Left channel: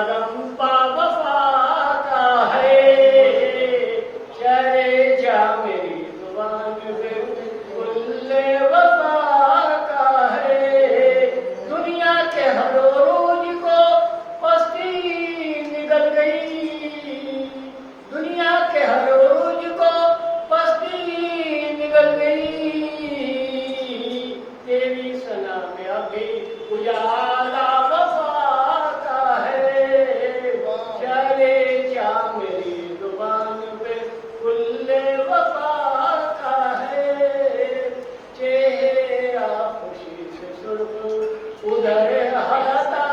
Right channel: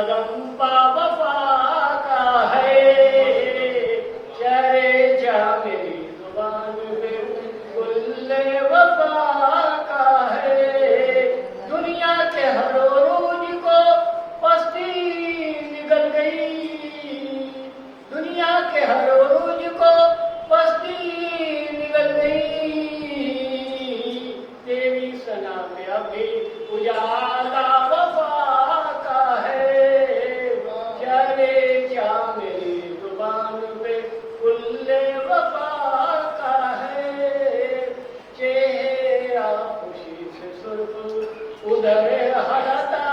عزم با وفا کا ہے، شہر جا میری زبان پہ کل وفا کا ہے، دنیا کے ہر روز کو پستی نکل گئی، دنیا کے ہر روز کو پستی نکل گئی، تیری سنا میں ابھی اجالا وفا کا ہے، چلے جا میری زبان پہ کل وفا کا ہے، چہرہ خوشی سے سرخ ادھر ہتا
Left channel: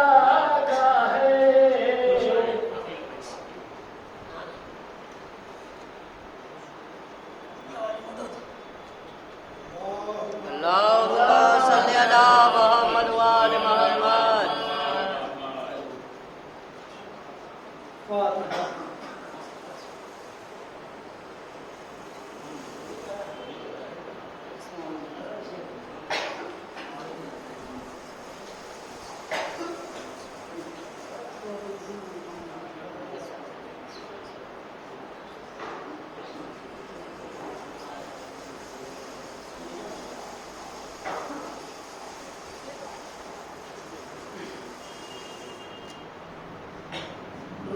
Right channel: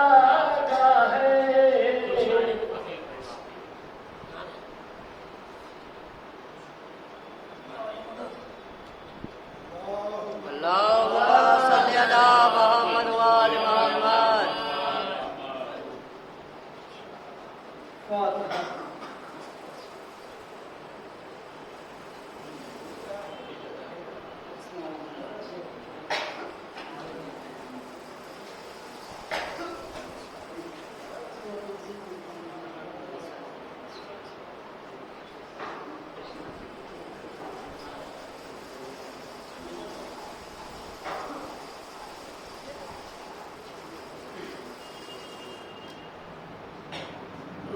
کا ہے۔ اللهم صل على محمد وآل محمد۔ فاتحہ۔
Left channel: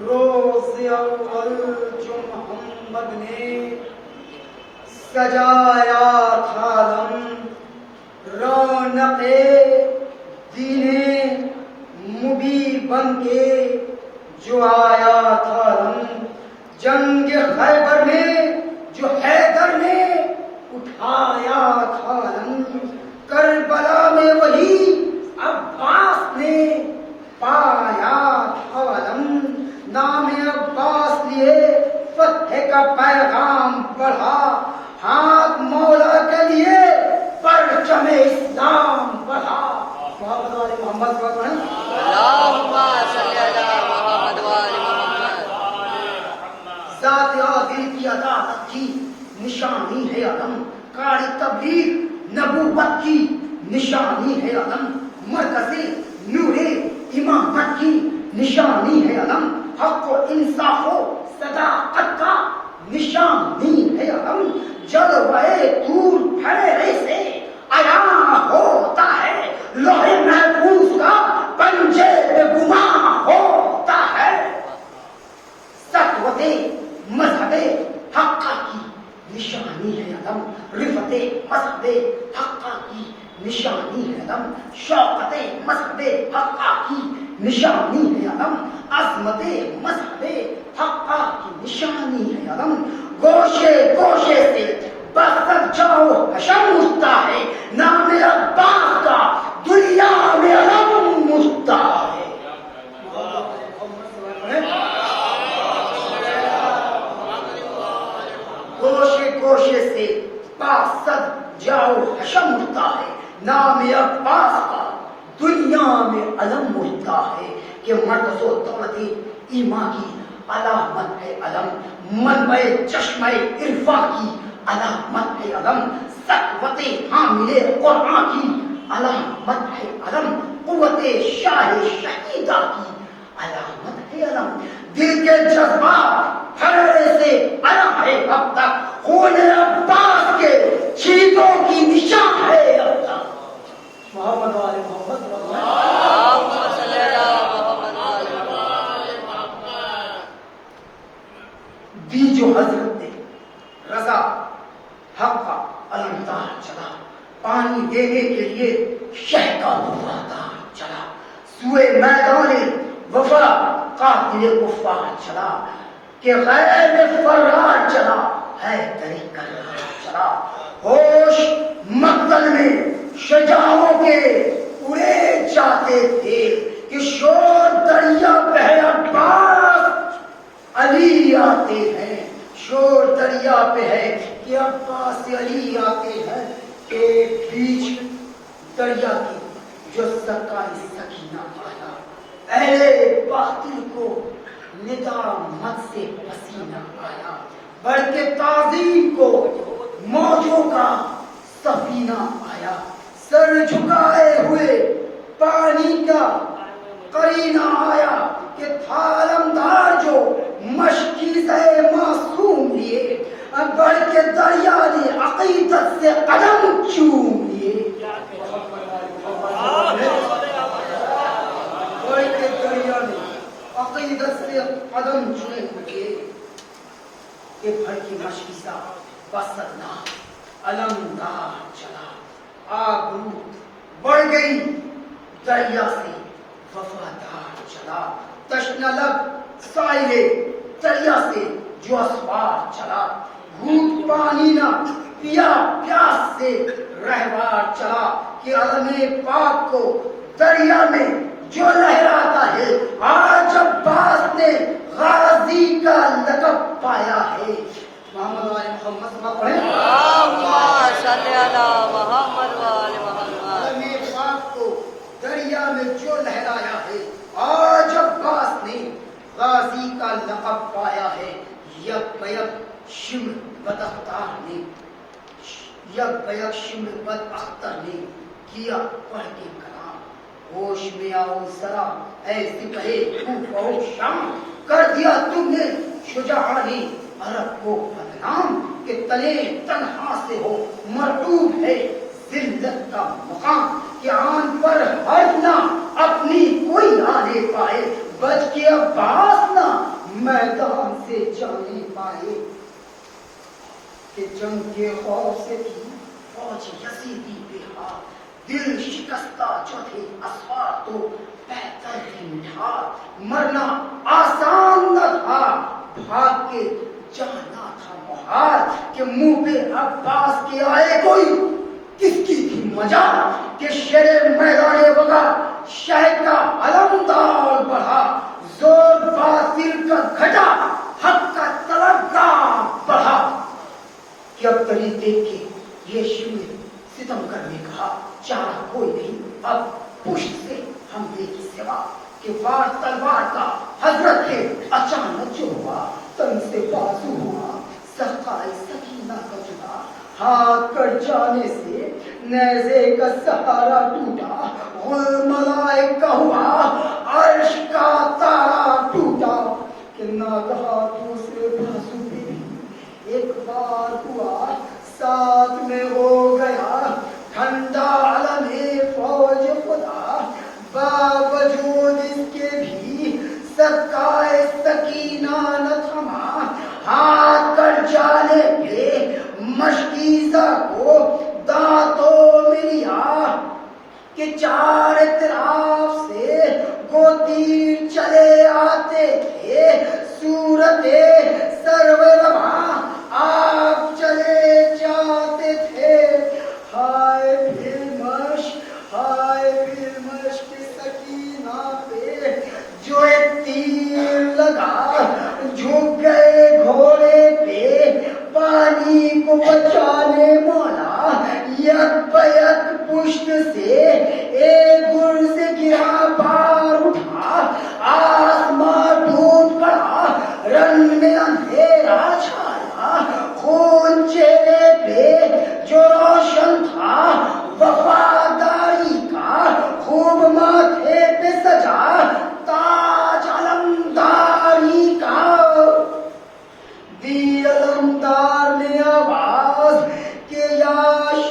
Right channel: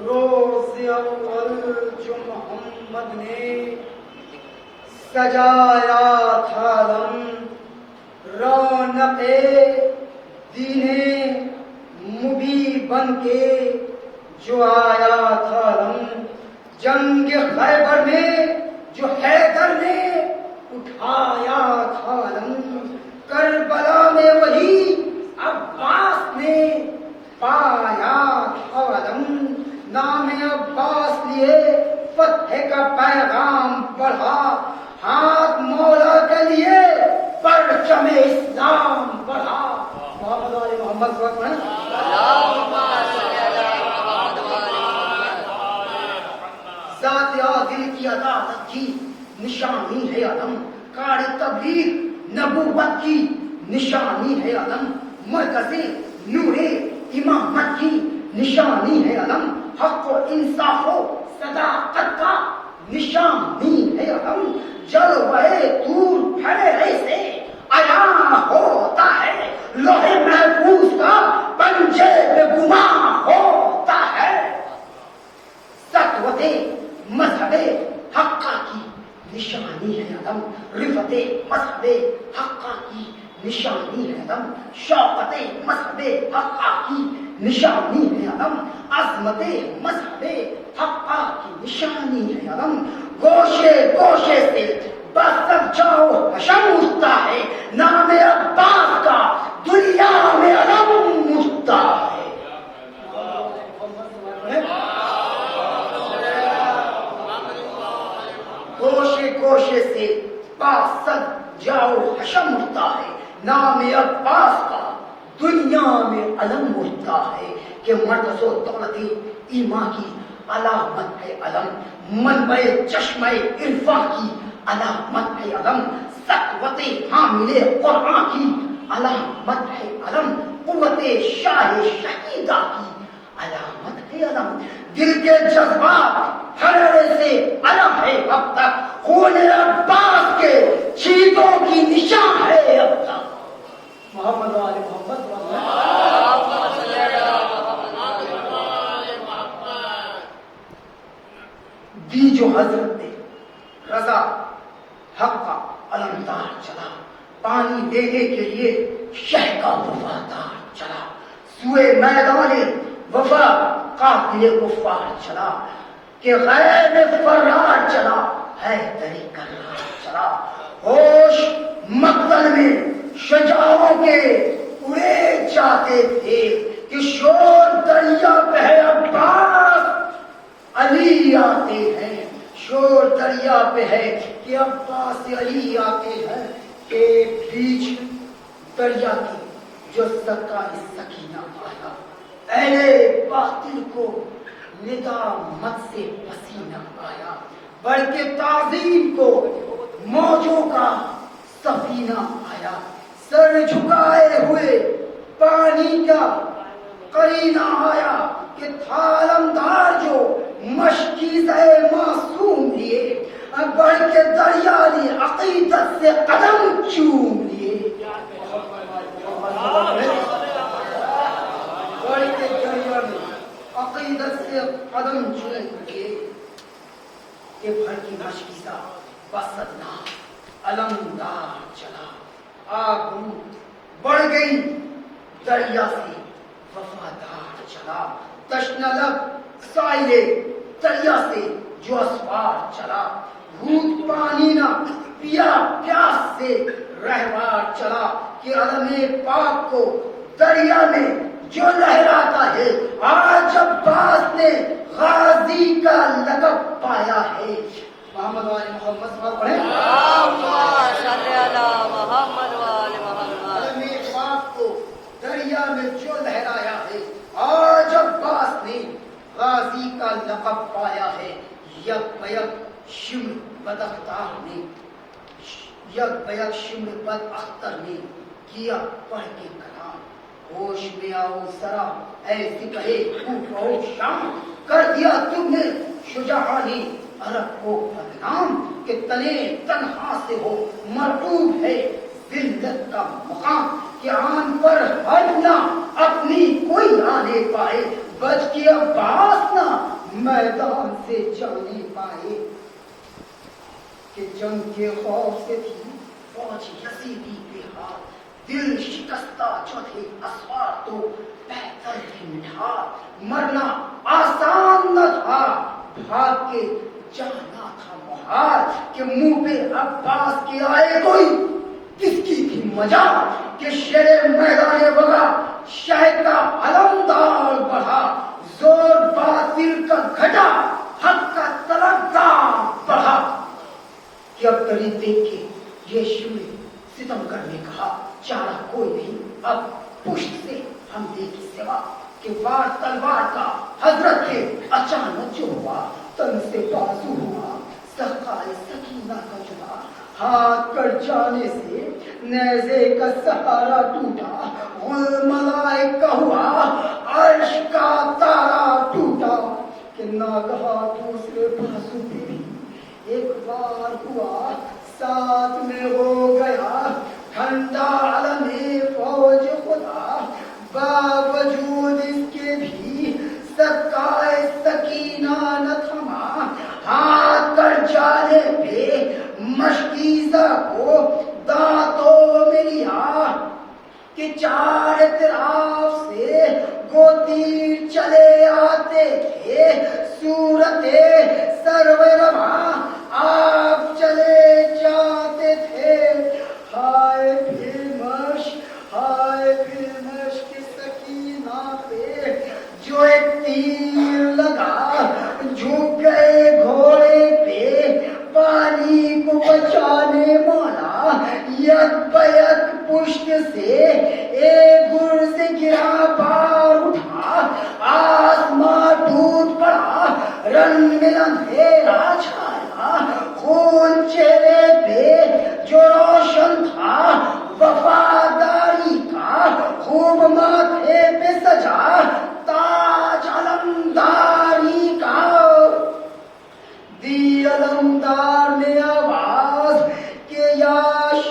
روز اول جو محمد نے سجایا تھا عالم، رونق دین مبین بن کے جو آیا تھا عالم، جنگ خیبر میں جو حیدر نے اٹھایا تھا عالم، کربلا میں وہی عباس نے پایا تھا عالم، نام عباس لیے فتح کا پیغام بڑھا، ہاتھ مولا کے لیے پرچم اسلام بڑھا۔ محمد علی محمد صلی اللہ علیہ وسلم۔ اللهم صل على محمد وآل محمد۔ ذات عادل کی عدالت کی نشانی ہے علم، قاری تبلیغ نبوت کی نشانی ہے علم، مرکز نور امامت کی نشانی ہے علم، حق و انصاف و صداقت کا نشانی ہے علم، جلوہ طور پھیرے سے عیاں ہوتا ہے، لوح محفوظ کا پنجے پہ گواہ ہوتا ہے، سطوت مذہب حقہ کی نشانی ہے علم، رفت مذہب حقہ کی نشانی ہے علم، شوقت مذہب حقہ کی نشانی ہے علم، عظمت مذہب حقہ کی نشانی ہے علم، گوشے گوشے سے برسر جاؤ حشم اٹھتا ہے، نام عباس کا دنیا میں علم اٹھتا ہے۔ گوشے گوشے سے برسر جاؤ حشم اٹھتا ہے، نام عباس کا دنیا میں علم اٹھتا ہے، کہ مرکز و دولت ایمان کی علامت ہے علم، منبع چشمہ عرفان کی علامت ہے علم، سطوت حامل قرآن کی علامت ہے علم، قوت شاہ شہیدہ کی علامت ہے علم، دل کے جذبات حرارے سے علم ہے اب تک، خون عباس کے چھینٹوں کی نشان ہے اب تک۔ محمد آل محمد اللهم صل على محمد وآل محمد۔ دی جو حضرت نے رضا حق کا علمدار چلا، پانی دینے کے لیے شہ کا وفادار چلا، سوئے میدان وفا قاتل کفار چلا، کہ غیر میں فرار چلا ہے طریقہ چلا، ہوش مقتل میں شجاعوں کے اڑے جاتے تھے، کہ شور دریا پہ ہے عباس علی آتے ہیں، شور دریا پہ ہے کہ عباس علی آتے ہیں، ایک بیچ دریا کی جو سرکاری سکینہ آیا، اہل باطل کو ندامت سے پسینہ آیا، بلکہ تعظیم کو موجوں کا سفینہ آیا، سر جھکائے ہوئے پانی کا قرینہ آیا کہ تھا علمدار جو مشکیزہ معصوم لیے بڑھ کے دریا نے عقیدت سے قدم چوم لیے بڑھ کے دریا نے عقیدت سے قدم چوم لیے کہ بھر کی مشکیزہ بسدنا علمدار چلا آبرو بڑھ گئی دریا سے وفادار چلا تشنہ لب سائلے دریا سے جو اسوار چلا گھونٹ پانی نہ پیا پیاس سے رہوار چلا کہ علم پاک کو دریا میں جو لہراتا ہے آج عباس نے غازی کا لقب پایا ہے محمد وآل محمد صلی اللہ علیہ وسلم اللہم صلی علی محمد وآل محمد علم پاک کو دریا میں جو لہرایا ہے آج عباس نے غازی کا لقب پایا ہے یک بیک شمر بد اختر نے یک بیک شمر بد اختر نے کیا پڑھ کے کلام ہوش میں آؤ ذرا ایسی کہے کوفہ و شام کر دیا تم نے شجاعانی عرب کو بدنام کہ تلے تنہا سے ہو مرطوب ہے ذلت کا مقام کہ آن پر ہر نہ اپنی کوئی نہ لے پائے بچ کے عباس نہ میدان سے جانے پائے کہ جنگ کے خوف سے تھی فوج یزیدی بے حال دل شکستہ جو تھے اسوار تو بہتر ہی مٹھا مرنا آسان نہ تھا بھاگ کے جانا تھا محال کہ منہ پہ عباس کے آئے کوئی کس کی تھی مجال کہ شیر میدان وغا شہر کا علمدار بڑھا زور باطل کا گھٹا حق کا تلقا بڑھا کہ اب قریب دیکھ کے یہ شمع ستم کرنے کہا چاہ کوئی نہیں اب پشت سے حملے کی سوا کہ وار تلوار کا حضرت کے اچانک جو ہوا تن سے بازو ہوا سخائے سکینہ کا جدا ہاتھ کر جانے سے نیزے کا سہارا ٹوٹا غل ملائک کا ہوا عرش کا تارا ٹوٹا کہ ناگہا دوسرے بازو پہ بھی ایک بار ہوا ساتھ میں ہو گیا ٹھنڈا علم فوج خدا باوجود اس کے بھی سکائے سکینہ نہ تھما ہاتھ کر جانے پہ مشکیزہ کو دانتوں میں لیا کہ چار اطراف سے گوتیر چلے آتے تھے صورت سرورواں آپ چلے جاتے تھے ہائے پھر مشق سکینہ پہ جو تیر لگا جھک گئے گھوڑے پہ پانی کو بچانے مولا یک بیک پشت سے ایک گر سے گرا پار اٹھا آسمان ٹوٹ پڑا رنگ میں اندھیرا چھایا خون چہرے پہ جو روشن تھا وفاداری کا خوب ماتھے پہ سجا تاج علمداری کا دی علمدار نے آواز کہ یا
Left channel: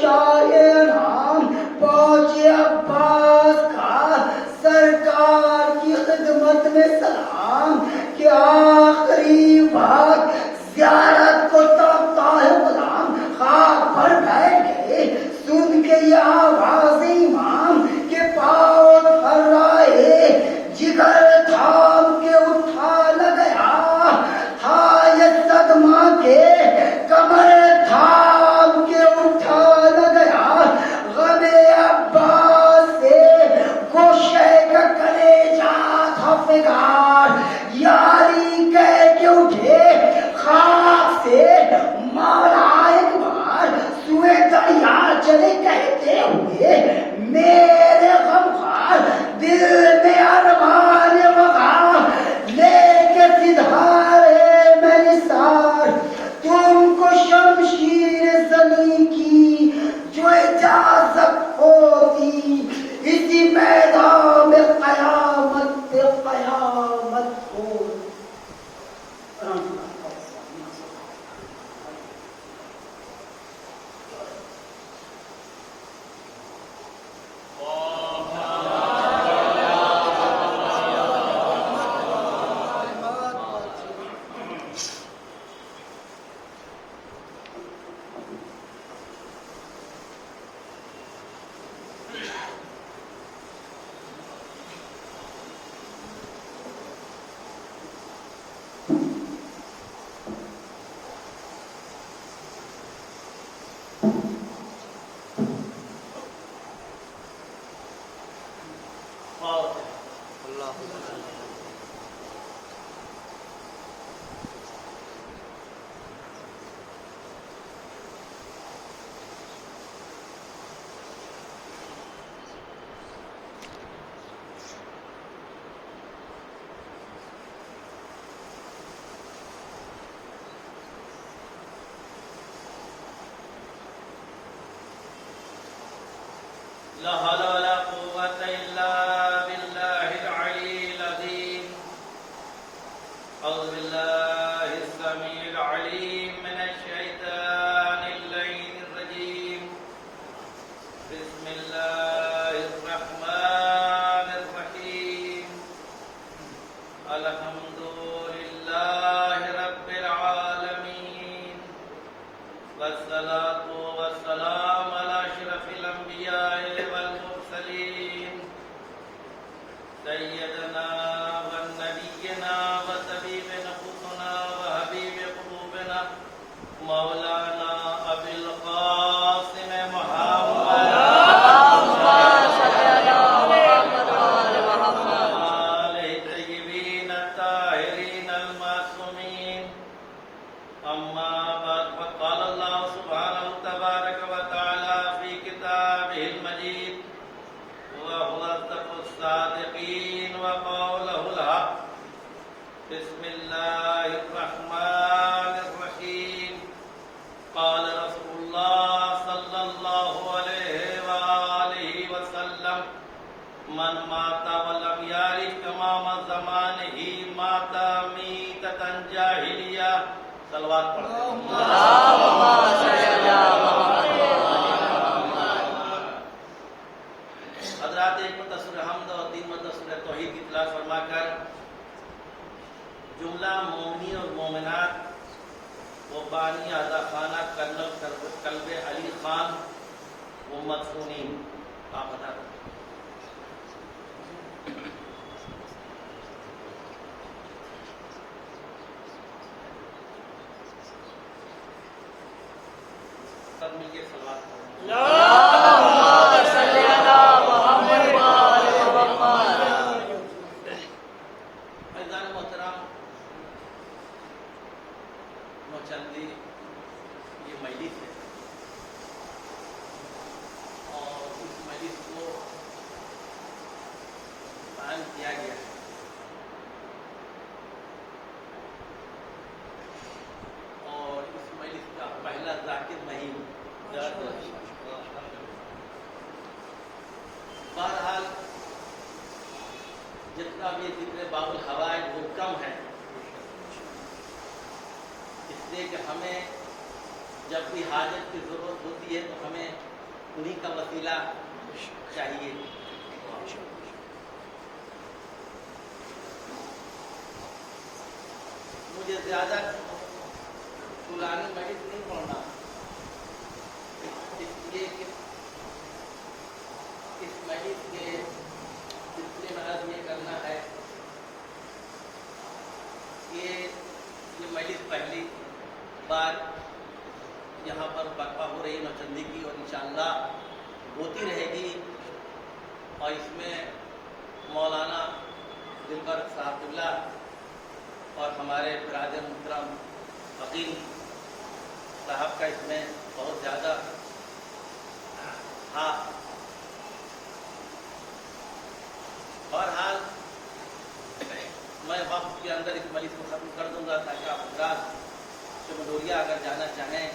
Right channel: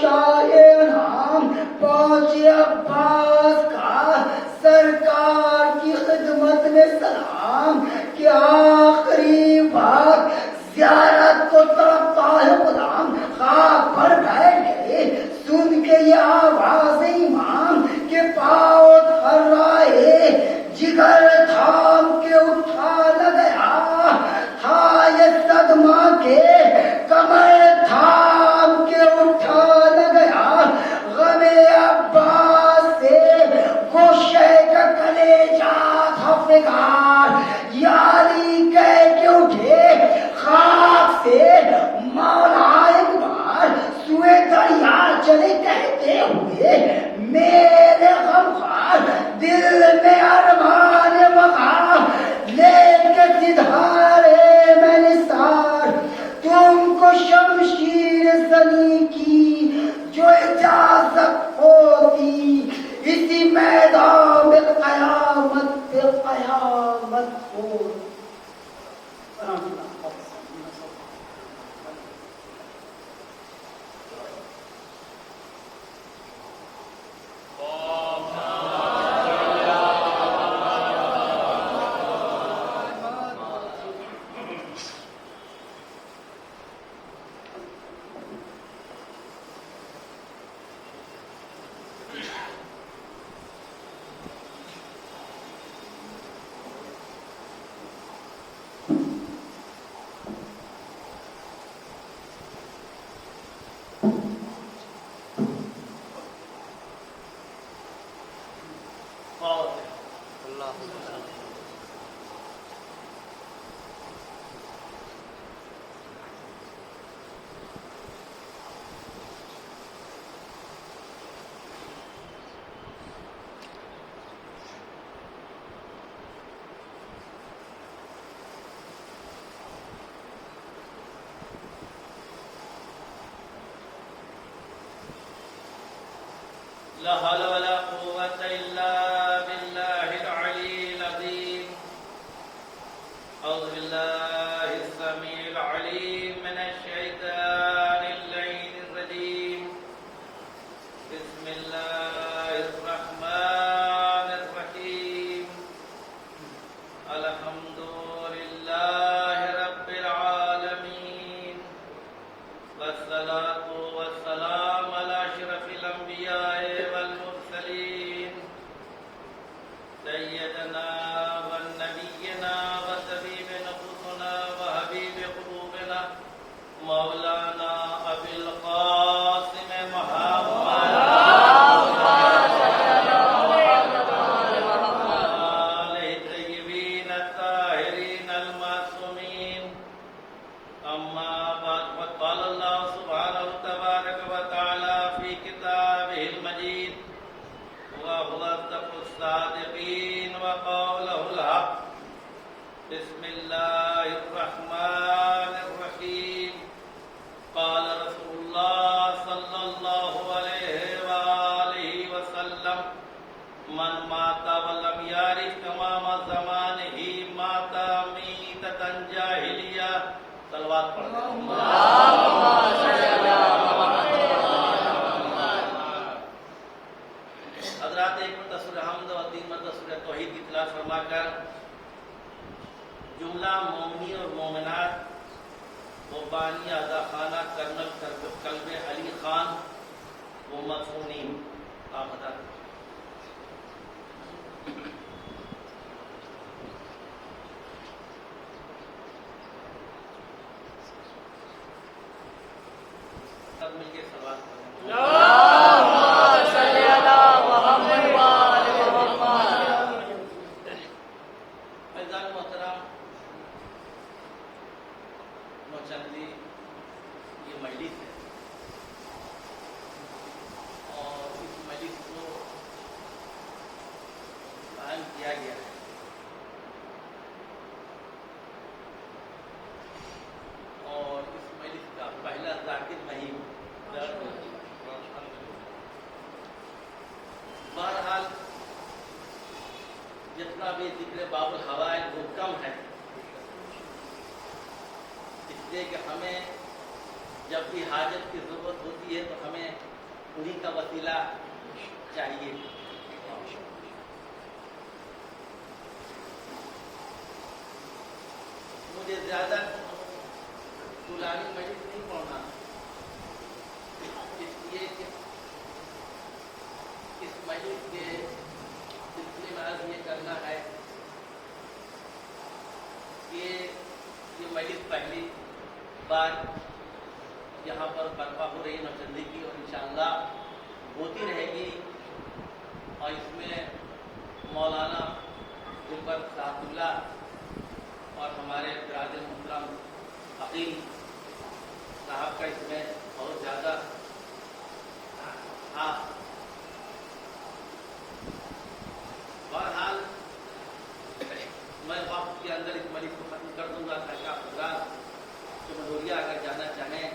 شاہ نام پہنچے عباس کا سرکار کی خدمت میں سلام کہ آخری بات زیارت کو تڑپتا ہے غلام خاک پر بیٹھ گئے سن کے یہ آواز امام کے پاؤ تھر رہے جگر تھام کے اٹھا لگیا تھا یہ صدمہ کے کمر تھام کے اٹھا لگیا غم عباس سے گوشے کا کلیجہ تھا فگار یاری کہہ کے اٹھے خاک سے مولا ایک بار سوئے دریا چلے کہتے ہوئے میرے غمخوار دل میں ارمان وقع لے کے سدھارے میں نثار تم کو شمشیر زنی کی جو اجازت ہوتی اسی میدان میں قیامت فاتحہ. اللهم صل على لا حول ولا قوة إلا بالله العلي العظيم. أعوذ بالله السميع العليم من الشيطان اللعين الرجيم. بسم الله الرحمن الرحيم. الحمد لله رب العالمين، والصلاة والسلام على أشرف الأنبياء والمرسلين، سيدنا ونبينا وطبيب نفوسنا وحبيب قلوبنا مولانا أبي القاسم محمد آله الطيبين الطاهرين المعصومين. أما بعد، فقال الله سبحانه تبارك وتعالى في كتابه المجيد: وهو أصدق الصادقين وقوله الحق. بسم الله الرحمن الرحيم. قال رسول الله صلى الله عليه وآله وسلم: من مات ولم يعرف تمام زمانه مات ميتة جاهلية. صلوات پڑھیں. اللهم صل على محمد. حضرات ایک مرتبہ سورہ حمد اور 3 مرتبہ سورہ توحید کی تلاوت فرما کر جملہ مومنی اور مومنات و بانی آزا خانہ کرنل قلب علی خان و مدفونین آپ بتا دیں. سب مل کے سوال کریں. اللهم صل على محمد وآل محمد. فیضان محترم نوچندی یہ مجلس ہے اور اس مجلس کو قائم کیا گیا ہے. اور اس مجلس کا پہلا ذاکر مہیم. بہرحال جتنا بھی ذکر باب الحوائج وہ کم ہے، اس لیے کہ ہمیں جب بھی حاجت کی ضرورت ہوتی ہے تو ہمیں انہی کا وسیلہ چاہیے. مجھے زیادہ طولانی مجلس نہیں پڑھنا، اس لیے کہ اس مجلس کے سلسلے میں عرض یہ کرنا ہے کہ یہ مجلس پہلی بار یہاں پر برپا ہو رہی نوچندی کی اور انشاءاللہ ہوتی رہے گی. اور اس میں مولانا دلبر صاحب اللہ اور ہمارے برادر محترم حکیم صاحب کا اس میں بہت زیادہ ہاتھ. بہرحال میں وقت کے اندر اس مجلس کو ختم کر دوں گا تاکہ آپ حضرات چمڈوریا اگر جانا چاہیں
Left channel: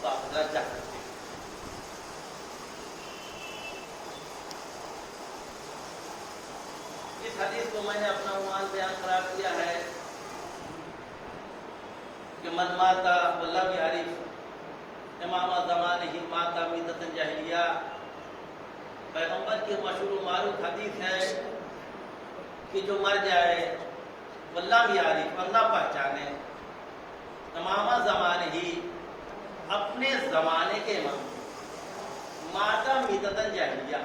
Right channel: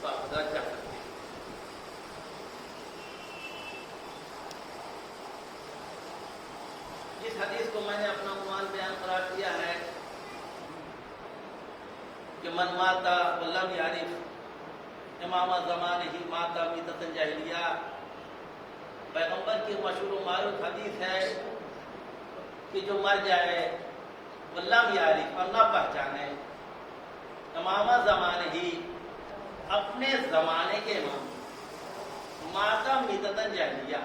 تو آپ حضرات جا سکتے ہیں. اس حدیث کو میں نے اپنا عنوان بیان قرار دیا ہے کہ من ماتا ولم یعرف امام زمان ہی ماتا میتۃ جاہلیہ. پیغمبر کی مشہور و معروف حدیث ہے کہ جو مر جائے ولم یعرف اور نہ پہچانے امام زمانے ہی اپنے زمانے کے امام ماتا میتۃ جاہلیہ،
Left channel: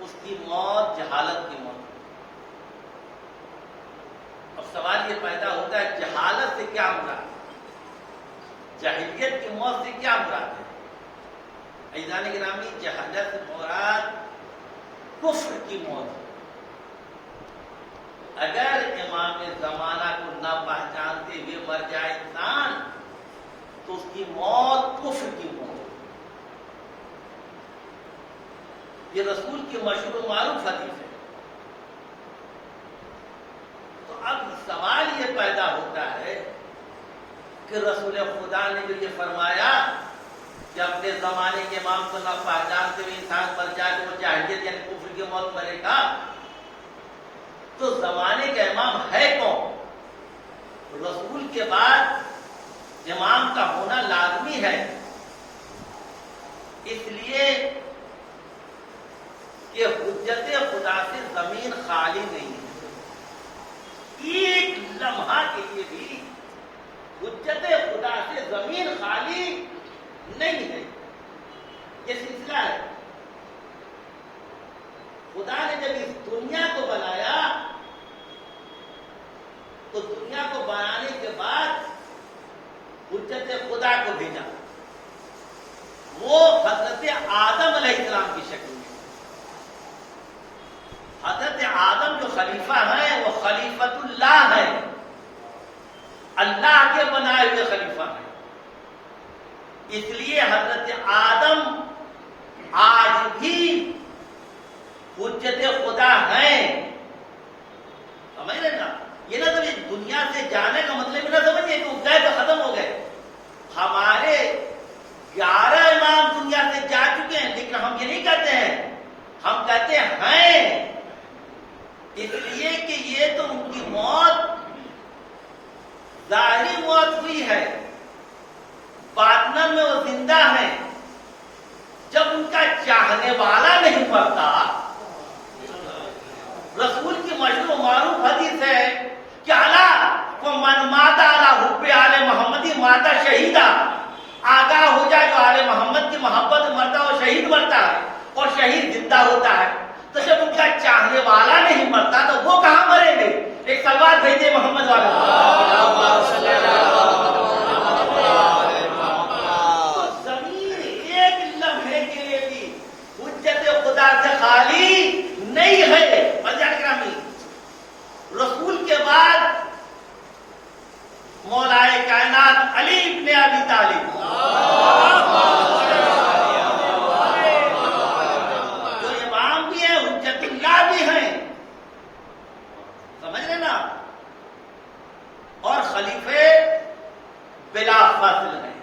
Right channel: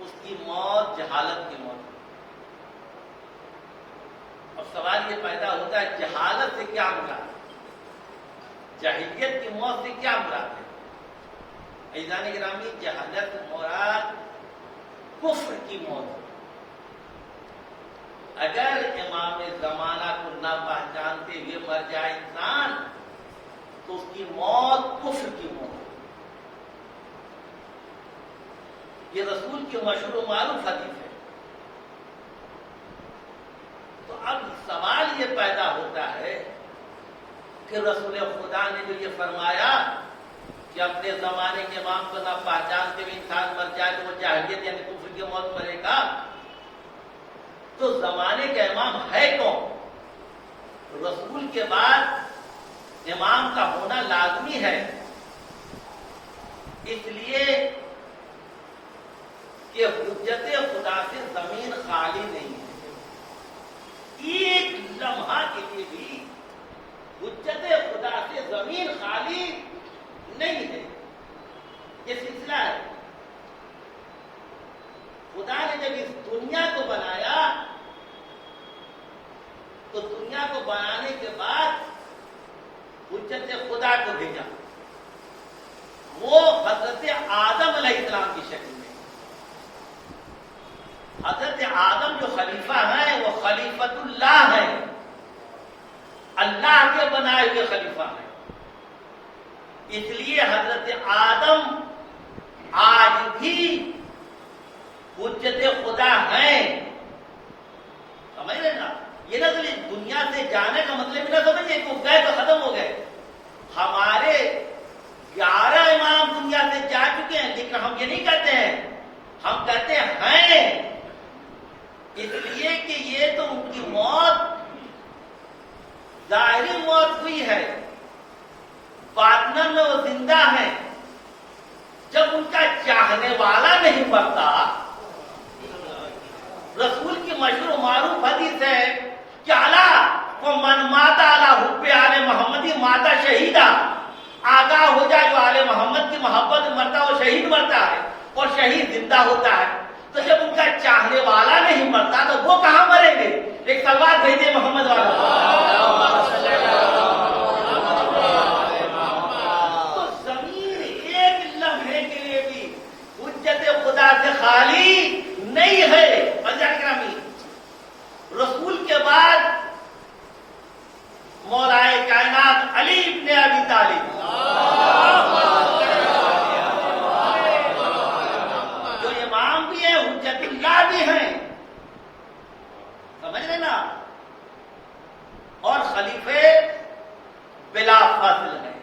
اس کی موت جہالت کی موت. اب سوال یہ پیدا ہوتا ہے جہالت سے کیا مراد ہے، جاہلیت کی موت سے کیا مراد ہے؟ عزیزان گرامی، جہالت سے مراد کفر کی موت. اگر امام زمانہ کو نہ پہچانتے ہوئے مر جائے انسان تو اس کی موت کفر کی موت. یہ رسول کی مشہور و معروف حدیث ہے. تو اب سوال یہ پیدا ہوتا ہے کہ رسول خدا نے جو یہ فرمایا کہ اپنے زمانے کے امام کو نہ پہچانتے ہوئے انسان مر جائے تو وہ جاہلیت یعنی کفر کی موت مرے گا. تو زمانے کا امام ہے کون؟ رسول کے بعد امام کا ہونا لازمی ہے، اس لیے کہ حجت خدا سے زمین خالی نہیں ہے. ایک لمحہ کے لیے بھی حجت خدا سے زمین خالی نہیں ہے. یہ سلسلہ ہے. خدا نے جب اس دنیا کو بنایا تو دنیا کو بنانے کے بعد حجت خدا کو بھیجا. وہ حضرت آدم علیہ السلام کی شکل میں. حضرت آدم جو خلیفہ ہیں وہ خلیفۃ اللہ ہے، اللہ کے بنائے ہوئے خلیفہ ہیں. اس لیے حضرت آدم آج بھی حجت خدا ہیں. سمجھ رہے نا؟ یہ نہ تو دنیا سے جانے کا مطلب نہ سمجھے کہ وہ گئے تو ختم ہو گئے. ہمارے 11 امام دنیا سے جا چکے ہیں، لیکن ہم یہ نہیں کہتے ہیں، ہم کہتے ہیں اس لیے کہ یہ تو ان کی موت ظاہری موت ہوئی ہے، باطن میں وہ زندہ ہیں. جب ان کا چاہنے والا نہیں مرتا. رسول کی مشہور و معروف حدیث ہے کہ من مات علی حب آل محمدی ماتا شہیدہ. آگاہ ہو جائے جو آل محمد کی محبت میں مرتا وہ شہید مرتا ہے اور شہید زندہ ہوتا ہے. تو جب ان کا چاہنے والا نہیں مرتا تو وہ کہاں مریں گے؟ ایک سلوات بھیجیے محمد والا. تو زمین ایک لمحے کے لیے بھی حجت خدا سے خالی نہیں ہے. گرامی رسول کے بعد مولائے کائنات علی ابن ابی طالب جو امام بھی ہیں حجت اللہ بھی ہیں. سمجھ رہے نا؟ اور خلیفے بلا فصل ہیں،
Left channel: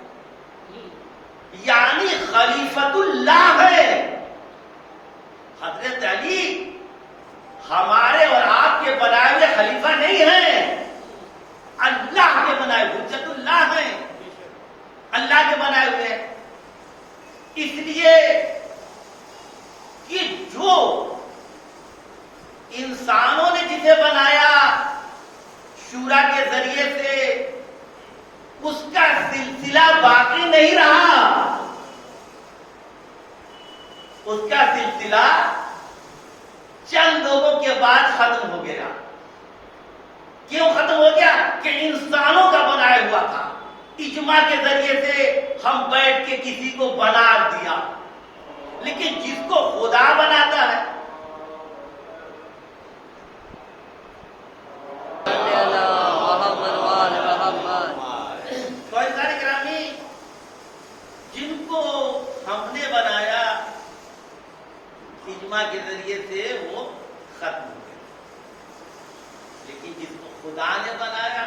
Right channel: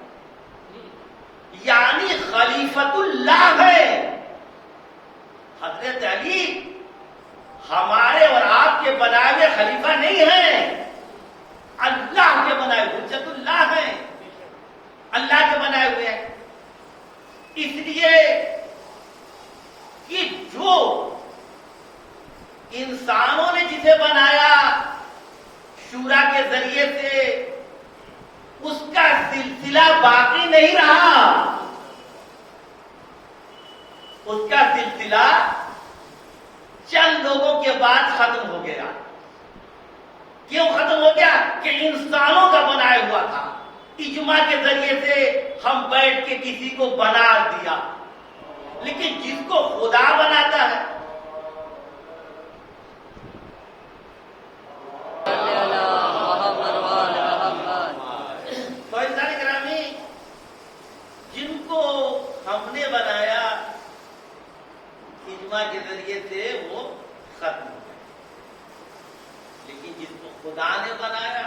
یعنی خلیفۃ اللہ ہے. حضرت علی ہمارے اور آپ کے بنائے ہوئے خلیفہ نہیں ہیں، اللہ کے بنائے حجت اللہ ہیں، اللہ کے بنائے ہوئے ہیں. اس لیے کہ جو انسانوں نے جسے بنایا شورا کے ذریعے سے اس کا سلسلہ باقی نہیں رہا. اس کا سلسلہ چند لوگوں کے بعد ختم ہو گیا. کیوں ختم ہو گیا؟ کہ انسانوں کا بنایا ہوا تھا. اجماع کے ذریعے سے ہم بیٹھ کے کسی کو بنا دیا. لیکن جس کو خدا بناتا ہے تو انسان گرامی جن کو ہم نے بنایا اجماع کے ذریعے سے وہ ختم ہو گئے، لیکن جس کو خدا نے بنایا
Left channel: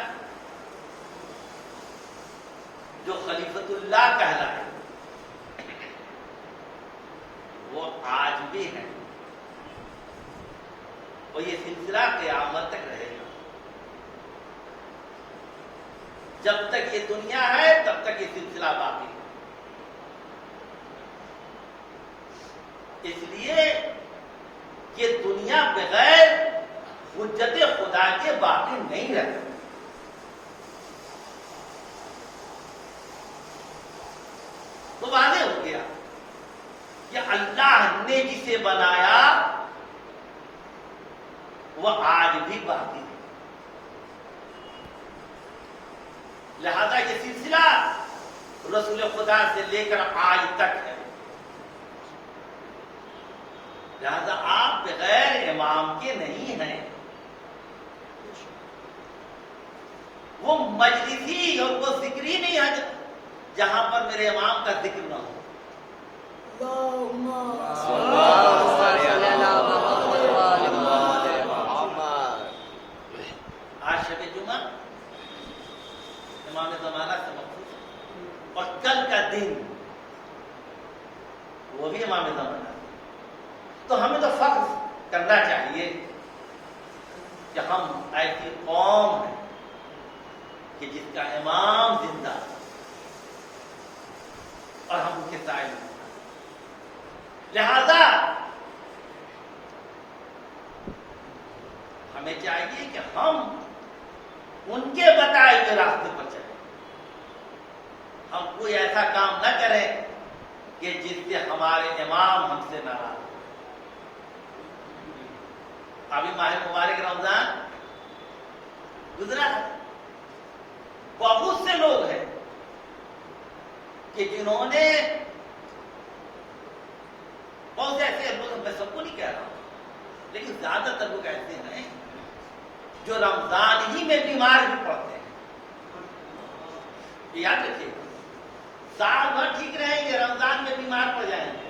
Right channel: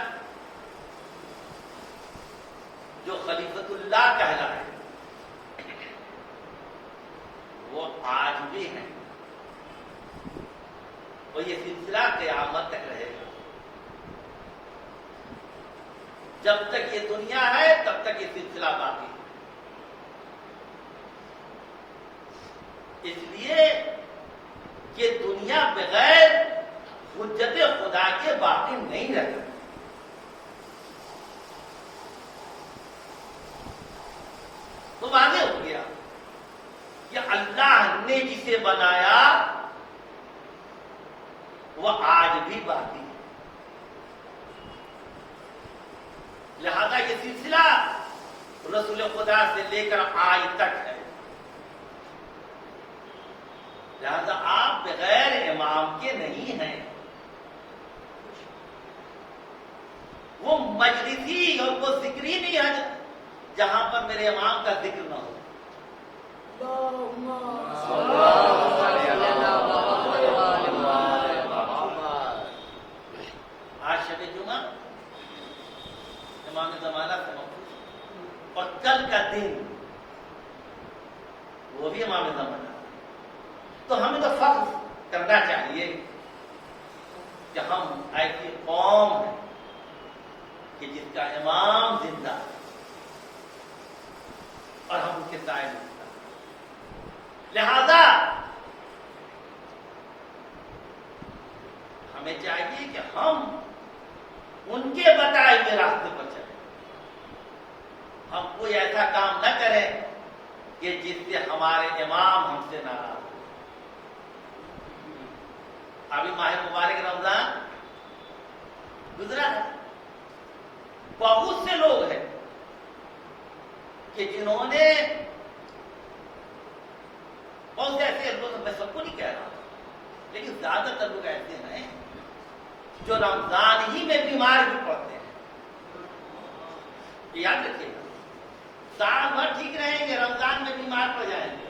جو خلیفۃ اللہ کہلایا وہ آج بھی ہے اور یہ سلسلہ قیامت تک رہے گا. جب تک یہ دنیا ہے تب تک یہ سلسلہ باقی ہے. اس لیے کہ دنیا بغیر حجت خدا کے باقی نہیں رہتی. تو واضح ہو گیا کہ اللہ نے جسے بنایا وہ آج بھی باقی ہے. لہذا یہ سلسلہ رسول خدا سے لے کر آج تک ہے. لہذا آپ بغیر امام کے نہیں ہیں. وہ مجلسی اور وہ ذکری نہیں ہے جہاں پر میرے امام کا ذکر نہ ہو. آج شب جمعہ امام زمانہ سے مخصوص اور کل کا دن وہ بھی امام زمانہ. تو ہمیں تو فخر کرنا چاہیے کہ ہم ایسی قوم ہیں کہ جس کا امام زندہ ہے اور ہم ان کے سائے میں. لہذا ہمیں چاہیے کہ ہم ان کے بتائے ہوئے راستے پر چلیں. ہم کوئی ایسا کام نہ کریں کہ جس سے ہمارے امام ہم سے ناراض ہو. ابھی ماہ مبارک رمضان گزرا ہے. بہت سے لوگ ہیں کہ جنہوں نے بہت سے ایسے لوگ، میں سب کو نہیں کہہ رہا ہوں، لیکن زیادہ تر لوگ ایسے ہیں جو رمضان ہی میں بیمار بھی پڑتے ہیں. یاد رکھیے گا، سال بھر ٹھیک رہیں گے، رمضان میں بیمار پڑ جائیں گے،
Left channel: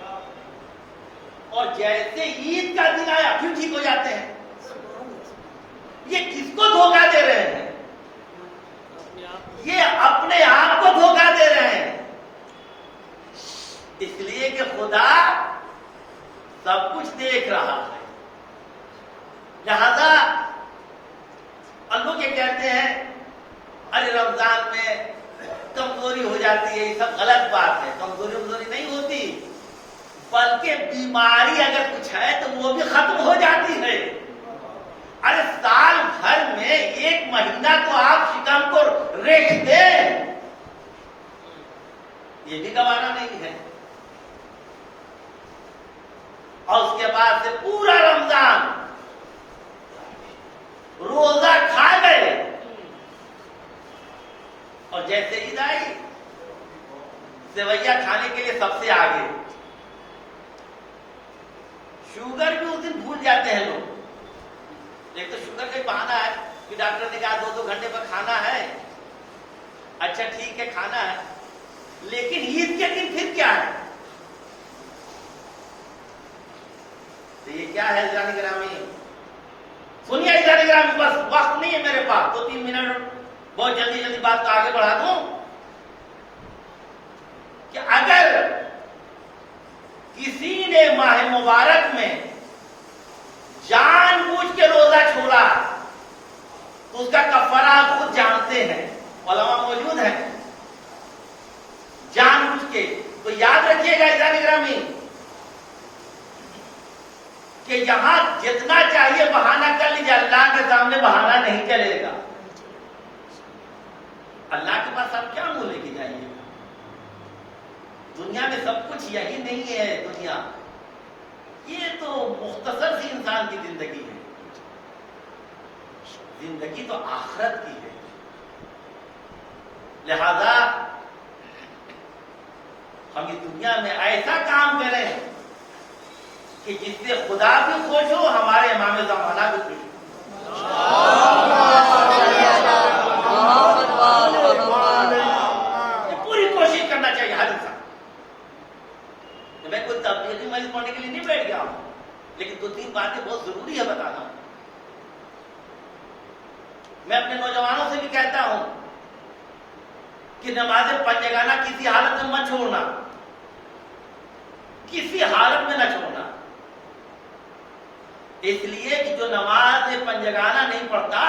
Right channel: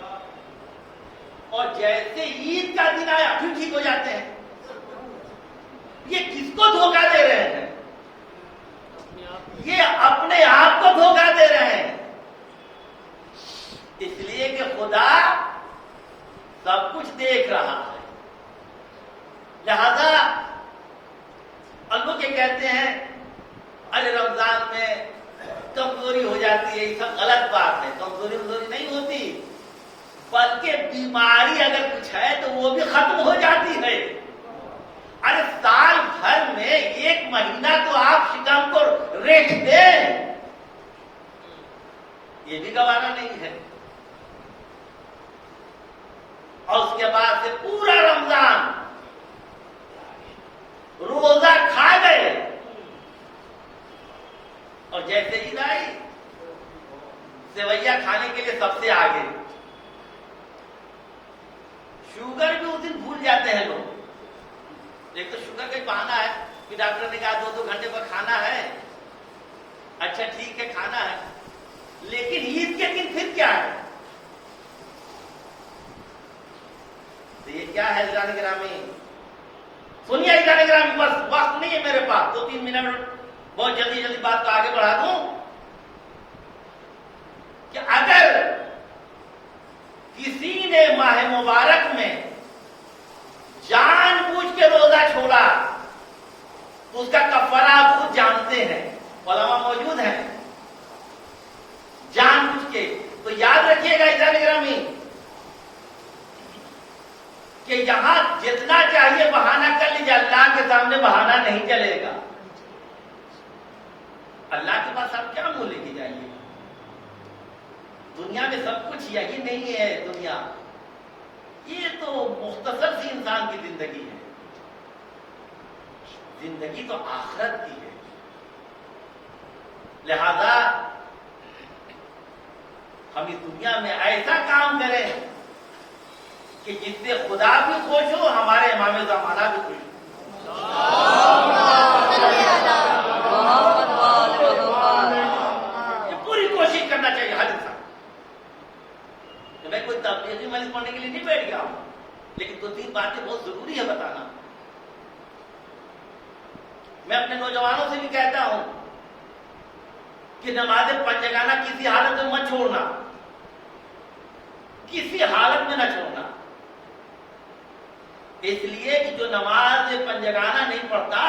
اور جیسے عید کا دن آیا پھر ٹھیک ہو جاتے ہیں. یہ کس کو دھوکہ دے رہے ہیں؟ یہ اپنے آپ کو دھوکہ دے رہے ہیں. اس لیے کہ خدا سب کچھ دیکھ رہا ہے. لہذا اللہ کے کہتے ہیں ارے رمضان میں کمزوری ہو جاتی ہے، یہ سب غلط بات ہے. کمزوری نہیں ہوتی، بلکہ بیماری اگر کچھ ہے تو وہ بھی ختم ہو جاتی ہے. ارے سال بھر میں ایک مہینہ تو آپ شکم کو ریکھ دیں، یہ بھی گوارا نہیں ہے. اور اس کے بعد سے پورا رمضان روزہ کھا گئے، اور جیسے عید آئی سیویاں کھانے کے لیے سب سے آگے. شوگر بھی اس دن بھول جاتے ہیں لوگ. ایک تو شوگر کا بہانہ ہے کہ ڈاکٹر نے کہا 2 گھنٹے پر کھانا ہے، اچھا ٹھیک ہے کھانا ہے. لیکن عید کے دن پھر کیا ہے؟ تو یہ کیا ہے جان گرامی؟ سنیے جان گرامی، بس وقت نہیں ہے میرے پاس، 2-3 منٹ بہت جلدی بات کو آگے بڑھا دوں. کہ اگر کسی نے ماہ مبارک میں جان بوجھ کے روزہ چھوڑا تو اس کا کفارہ آپ خود جانتے ہیں، علماء موجود ہیں. جان بوجھ کے تو یاد رکھیے گا جان گرامی کہ یہاں جتنا چاہیے بہانہ کر لیجیے، اللہ کے سامنے بہانہ نہیں چلے گا. اللہ کے پاس آپ کیا منہ لے کے جائیے؟ دنیا میں سب کچھ یہی نہیں ہے. دنیا یہ تو مختصر سی انسان کی زندگی ہے. زندگی تو آخرت کی ہے. لہذا ہم اس دنیا میں ایسا کام کریں کہ جس سے خدا بھی خوش ہو، ہمارے امام زمانہ بھی خوش ہو. پوری کوشش کرنا چاہیے ہر انسان. میں کوئی تبلیغی مجلس پڑھنے کے لیے نہیں بیٹھ گیا ہوں، لیکن 2-3 باتیں بہت ضروری ہے بتانا. میں اپنے نوجوانوں سے بھی کہتا ہوں کہ نماز پنجگانہ کسی حالت میں مت چھوڑنا، کسی حالت میں نہ چھوڑنا. اس لیے کہ جو نماز پنجگانہ نہیں پڑھتا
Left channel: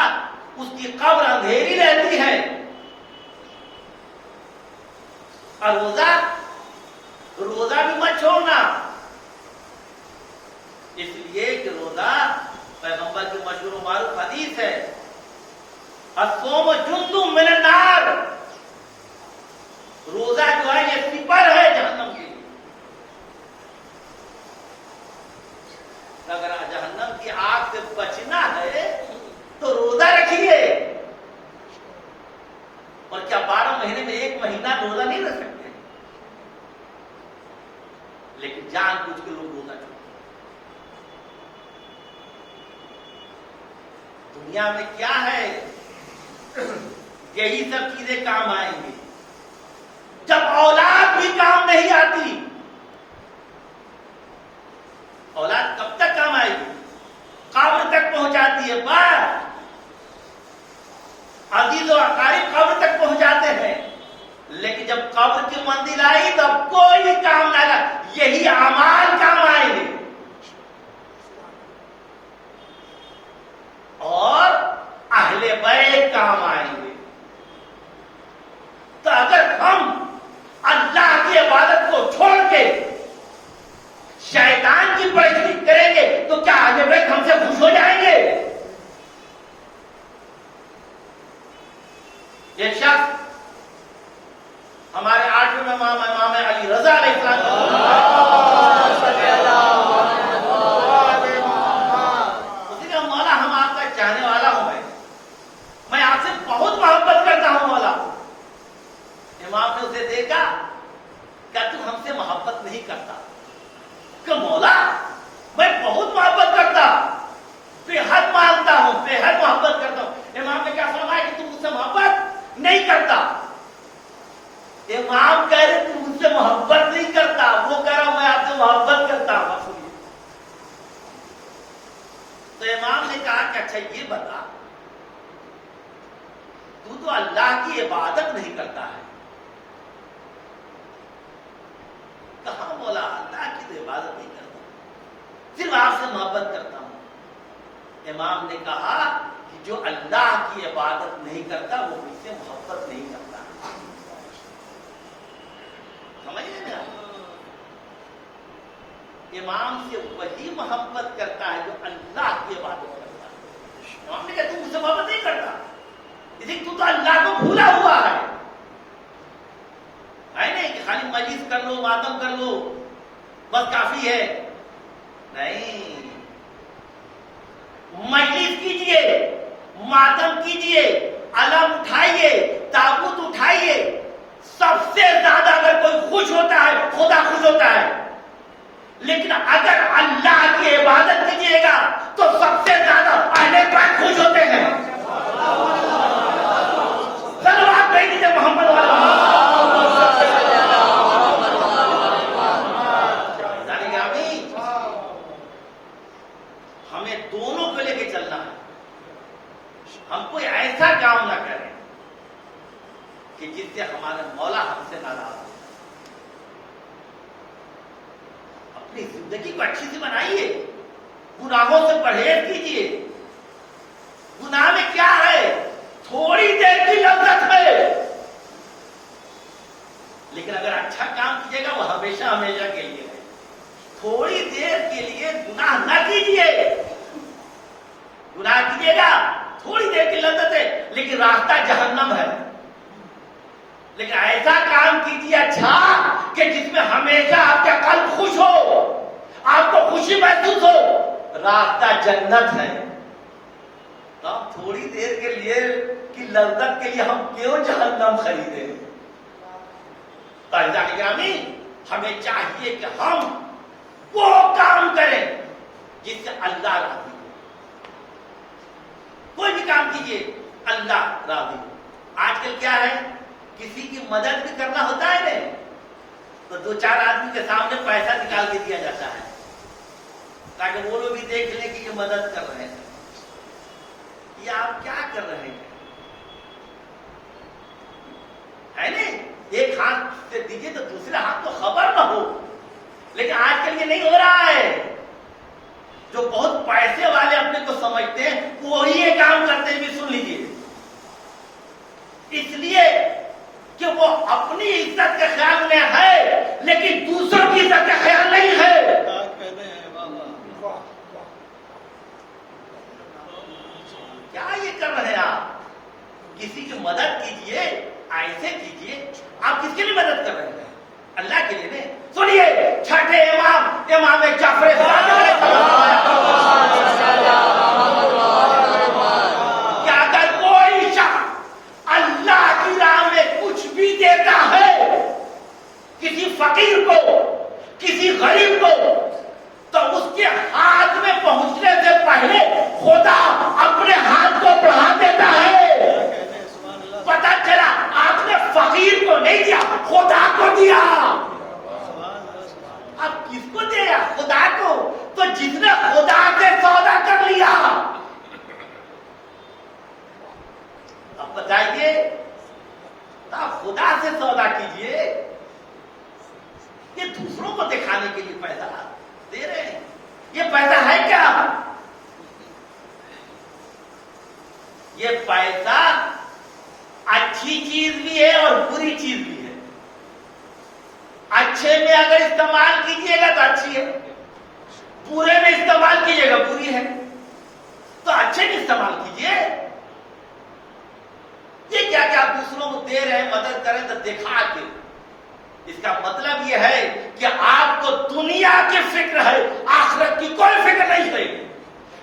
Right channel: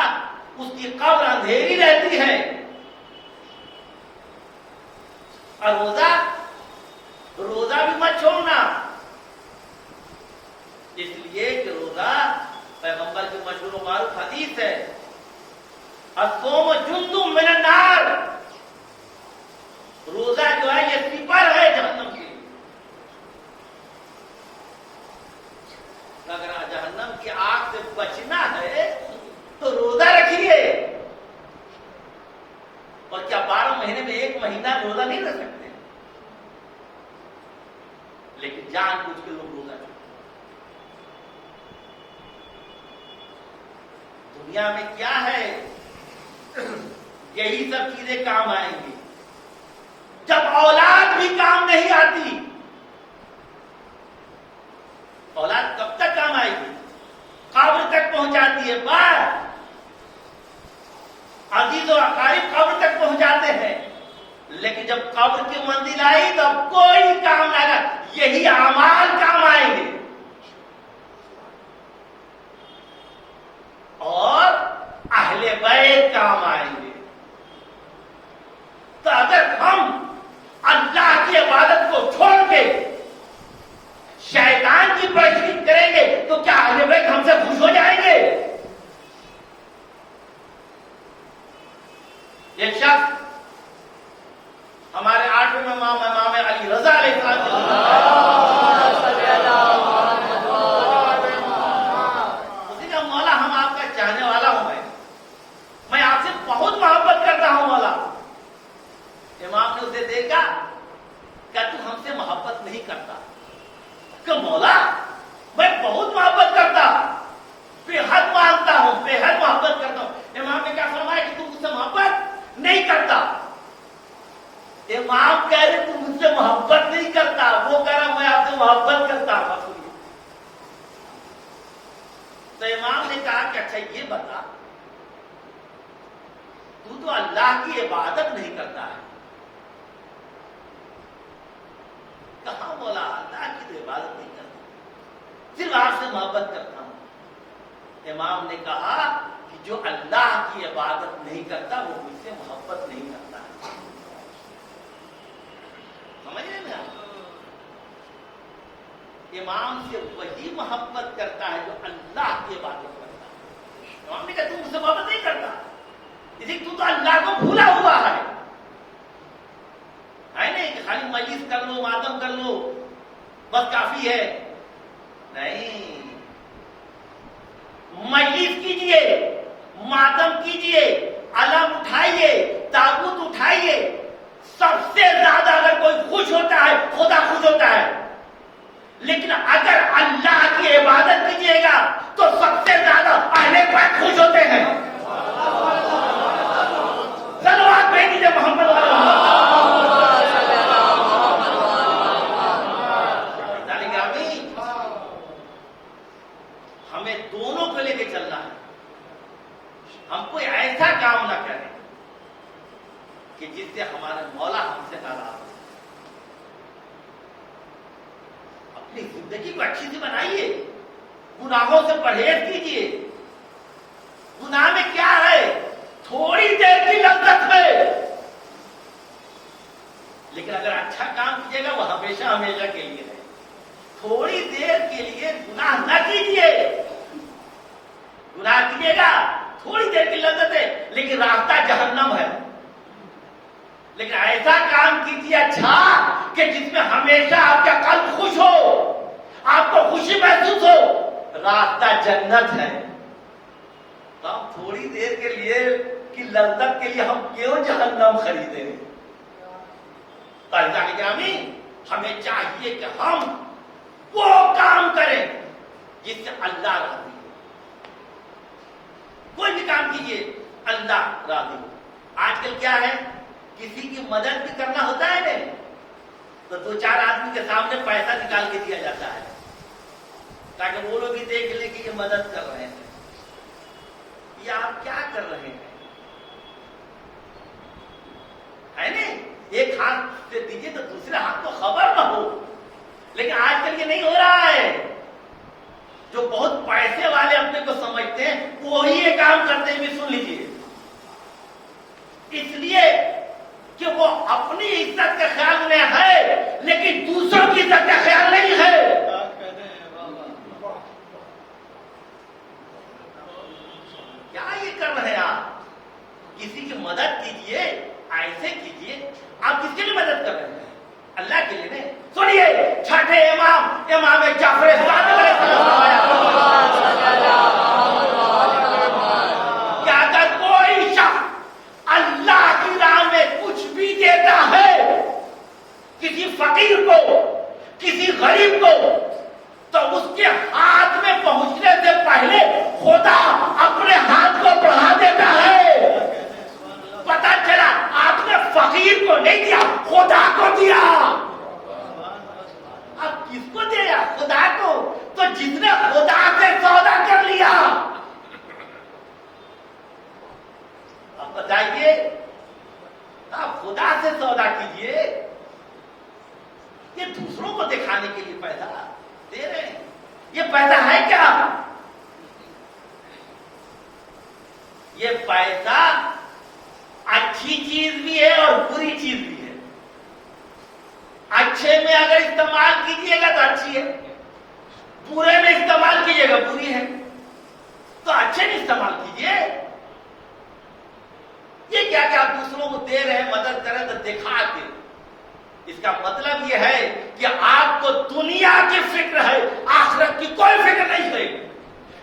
اس کی قبر اندھیری رہتی ہے. اور روزہ بھی مت چھوڑنا، اس لیے کہ روزہ پیغمبر کی مشہور و معروف حدیث ہے، الصوم جند من النار. روزہ جو ہے یہ سپر ہے جہنم کی. اگر جہنم کی آگ سے بچنا ہے تو روزہ رکھیے. اور کیا 12 مہینے میں 1 مہینہ روزہ نہیں رکھ سکتے؟ لیکن جان بوجھ کے لوگ روزہ چھوڑتے. دنیا میں کیا ہے؟ یہی سب چیزیں کام آئیں گی. جب اولاد بھی کام نہیں آتی، اولاد کب تک کام آئے گی؟ قبر تک پہنچاتی ہے. بس عزیز و اقارب قبر تک پہنچاتے ہیں، لیکن جب قبر کی منزل آئی تب کوئی کام نہ آئے. یہی اعمال کام آئیں گے اور اہل بیت کام آئیں گے. تو اگر ہم اللہ کی عبادت کو چھوڑ کے شیطان کی پرستش کریں گے تو کیا اہل بیت ہم سے خوش ہو جائیں گے؟ ایک شخص ہمارے 8ویں امام علی رضا علیہ السلام کے مولا ہم آپ کا چاہنے والا ہوں، میں آپ سے بہت محبت کرتا ہوں مولا. امام نے اسے دیکھا کہ تو ہم سے محبت نہیں کرتا. کہ مولا میں بہت محبت کرتا، بے حد مانتا ہوں، بے حد محبت کرتا ہوں. امام نے کیا فرمایا کہ تم مجھ سے محبت نہیں کرتا. امام کہہ رہے تم مجھ سے محبت نہیں کرتا، وہ کہہ رہا میں آپ سے محبت کرتا ہوں. تو امام نے کہا کہ اچھا یہ بتا، تو اللہ کی عبادت نہیں کرتا ہے. کہاں مولا اللہ کی تو عبادت نہیں کرتا، صرف آپ سے محبت کرتا ہوں. امام نے کہا کہ جو اللہ کی عبادت نہیں کرتا وہ مجھ سے محبت نہیں کرتا. سمجھ رہے ہیں آپ؟ امام سے وہی محبت کرتا ہے جو اللہ کی عبادت کرتا ہے. امام نے کہا تم مجھ سے محبت نہیں کرتا، لیکن تو اللہ کو بھولا ہوا ہے نہیں کہ خالی مجلس کر لو، ماتم کر لو بس کافی ہے. نہیں، مجلس کیجئے، ماتم کیجئے، علم اٹھائیے، تابوت اٹھائیے. سب سے زیادہ اگر کوئی خوش ہوتا ہے خدا خوش ہوتا ہے، لیکن اگر اللہ کی عبادت کیجیے گا تو سب سے زیادہ اہل بیت خوش ہوتے ہیں. صلوات بھیجیے محمد والا. ہمیں دونوں کو لے کے چلنا ہے. ہم کوئی ایسا کام نہ کریں کہ جس سے ہمارا مولا ہم سے ناراض ہو. اپنی زندگی کو اچھی سے بنائیے، گناہوں سے پرہیز کیجیے. گناہ میں کیا ہے؟ تھوڑی دیر کی لذت ہے، لیکن اگر اچھا کام کیجیے گا وہ ہمیشہ ہمیشہ کے لیے ہے. تھوڑی دیر کے لیے گناہ نہ کیجیے. گناہ کیجیے گا تھوڑی دیر کی لذت ہے لیکن راستہ جہنم ہے. لیکن ایسا کام کیجیے اچھا کہ جس میں ہمیشہ آپ کا قلب خوش ہو، آپ کو خوشی محسوس ہو. راستہ جنت ہے. تو ہم تھوڑی دیر کے لیے کی لذت کے لیے ہم کیوں جہنم خریدیں؟ قاعدہ گرامی، ہمیں چاہیے کہ ہم وہ کام کریں جس سے اللہ راضی ہو. کوئی بھی کام کیجیے اللہ راضی ہو. آج کل کیا ہے، کسی کی مدد بھی کرنا ہوتا ہے نا تو 2-4 آدمی کے سامنے پیسہ نکال کے دیا جاتا ہے تاکہ وہ لوگ بھی دیکھ لیں کہ یہ مدد کر رہے ہیں. یہ آپ کیا کر رہے ہیں؟ ہے نا، ایک ہاتھ سے دیجیے تو دوسرے ہاتھ کو خبر نہ ہو. لیکن آج کل یہ نہیں ہو رہا ہے. جو بہت پیسے والے اپنے کو سمجھتے ہیں وہی یہ کام کرتے ہیں. بھی سن لیجیے، اس لیے کہ وہ اپنی عزت کے خیال میں ہے لیکن دوسروں کی عزت کا خیال نہیں ہے. کیا یہ کر رہے ہیں آپ؟ کسی کی مدد کیجیے، ایسے کیجیے. آپ کس کے لیے مدد کر رہے ہیں؟ اللہ کے لیے نہیں. سنیے، چھٹے امام جعفر صادق کہ اگر کوئی شخص اللہ کی راہ میں کچھ بھی دیتا ہے کسی فقیر کو، کسی غریب کو، تو اس کے ہاتھ میں پہنچنے سے پہلے خدا اپنے ہاتھ کو فقیر کو نہیں دیا، خدا کو دیا۔ اب کس کو دیا؟ خدا کو۔ تو جس نے خدا سے سودا کر لیا، اب بتائیے، آپ خدا سے سودا کیجئے، یہ دوسروں کو دکھانے کے لیے پیسہ دے رہے ہیں۔ یہ پیسہ ہے کیا؟ یہ پیسہ اچھی چیز بھی ہے اور بری چیز بھی ہے۔ اچھے میں اگر استعمال کیجیے گا تو اچھی ہے، برے میں استعمال کیجیے گا بری ہے۔ تو اچھے میں استعمال کیجیے۔ یہ کیا کہ آپ دوسروں کو دے رہے ہیں، مدد کریں تو دکھا کے، اس کا مطلب یہ ہے کہ آپ کو دنیا کی فکر ہے، آخرت کی کوئی فکر نہیں ہے۔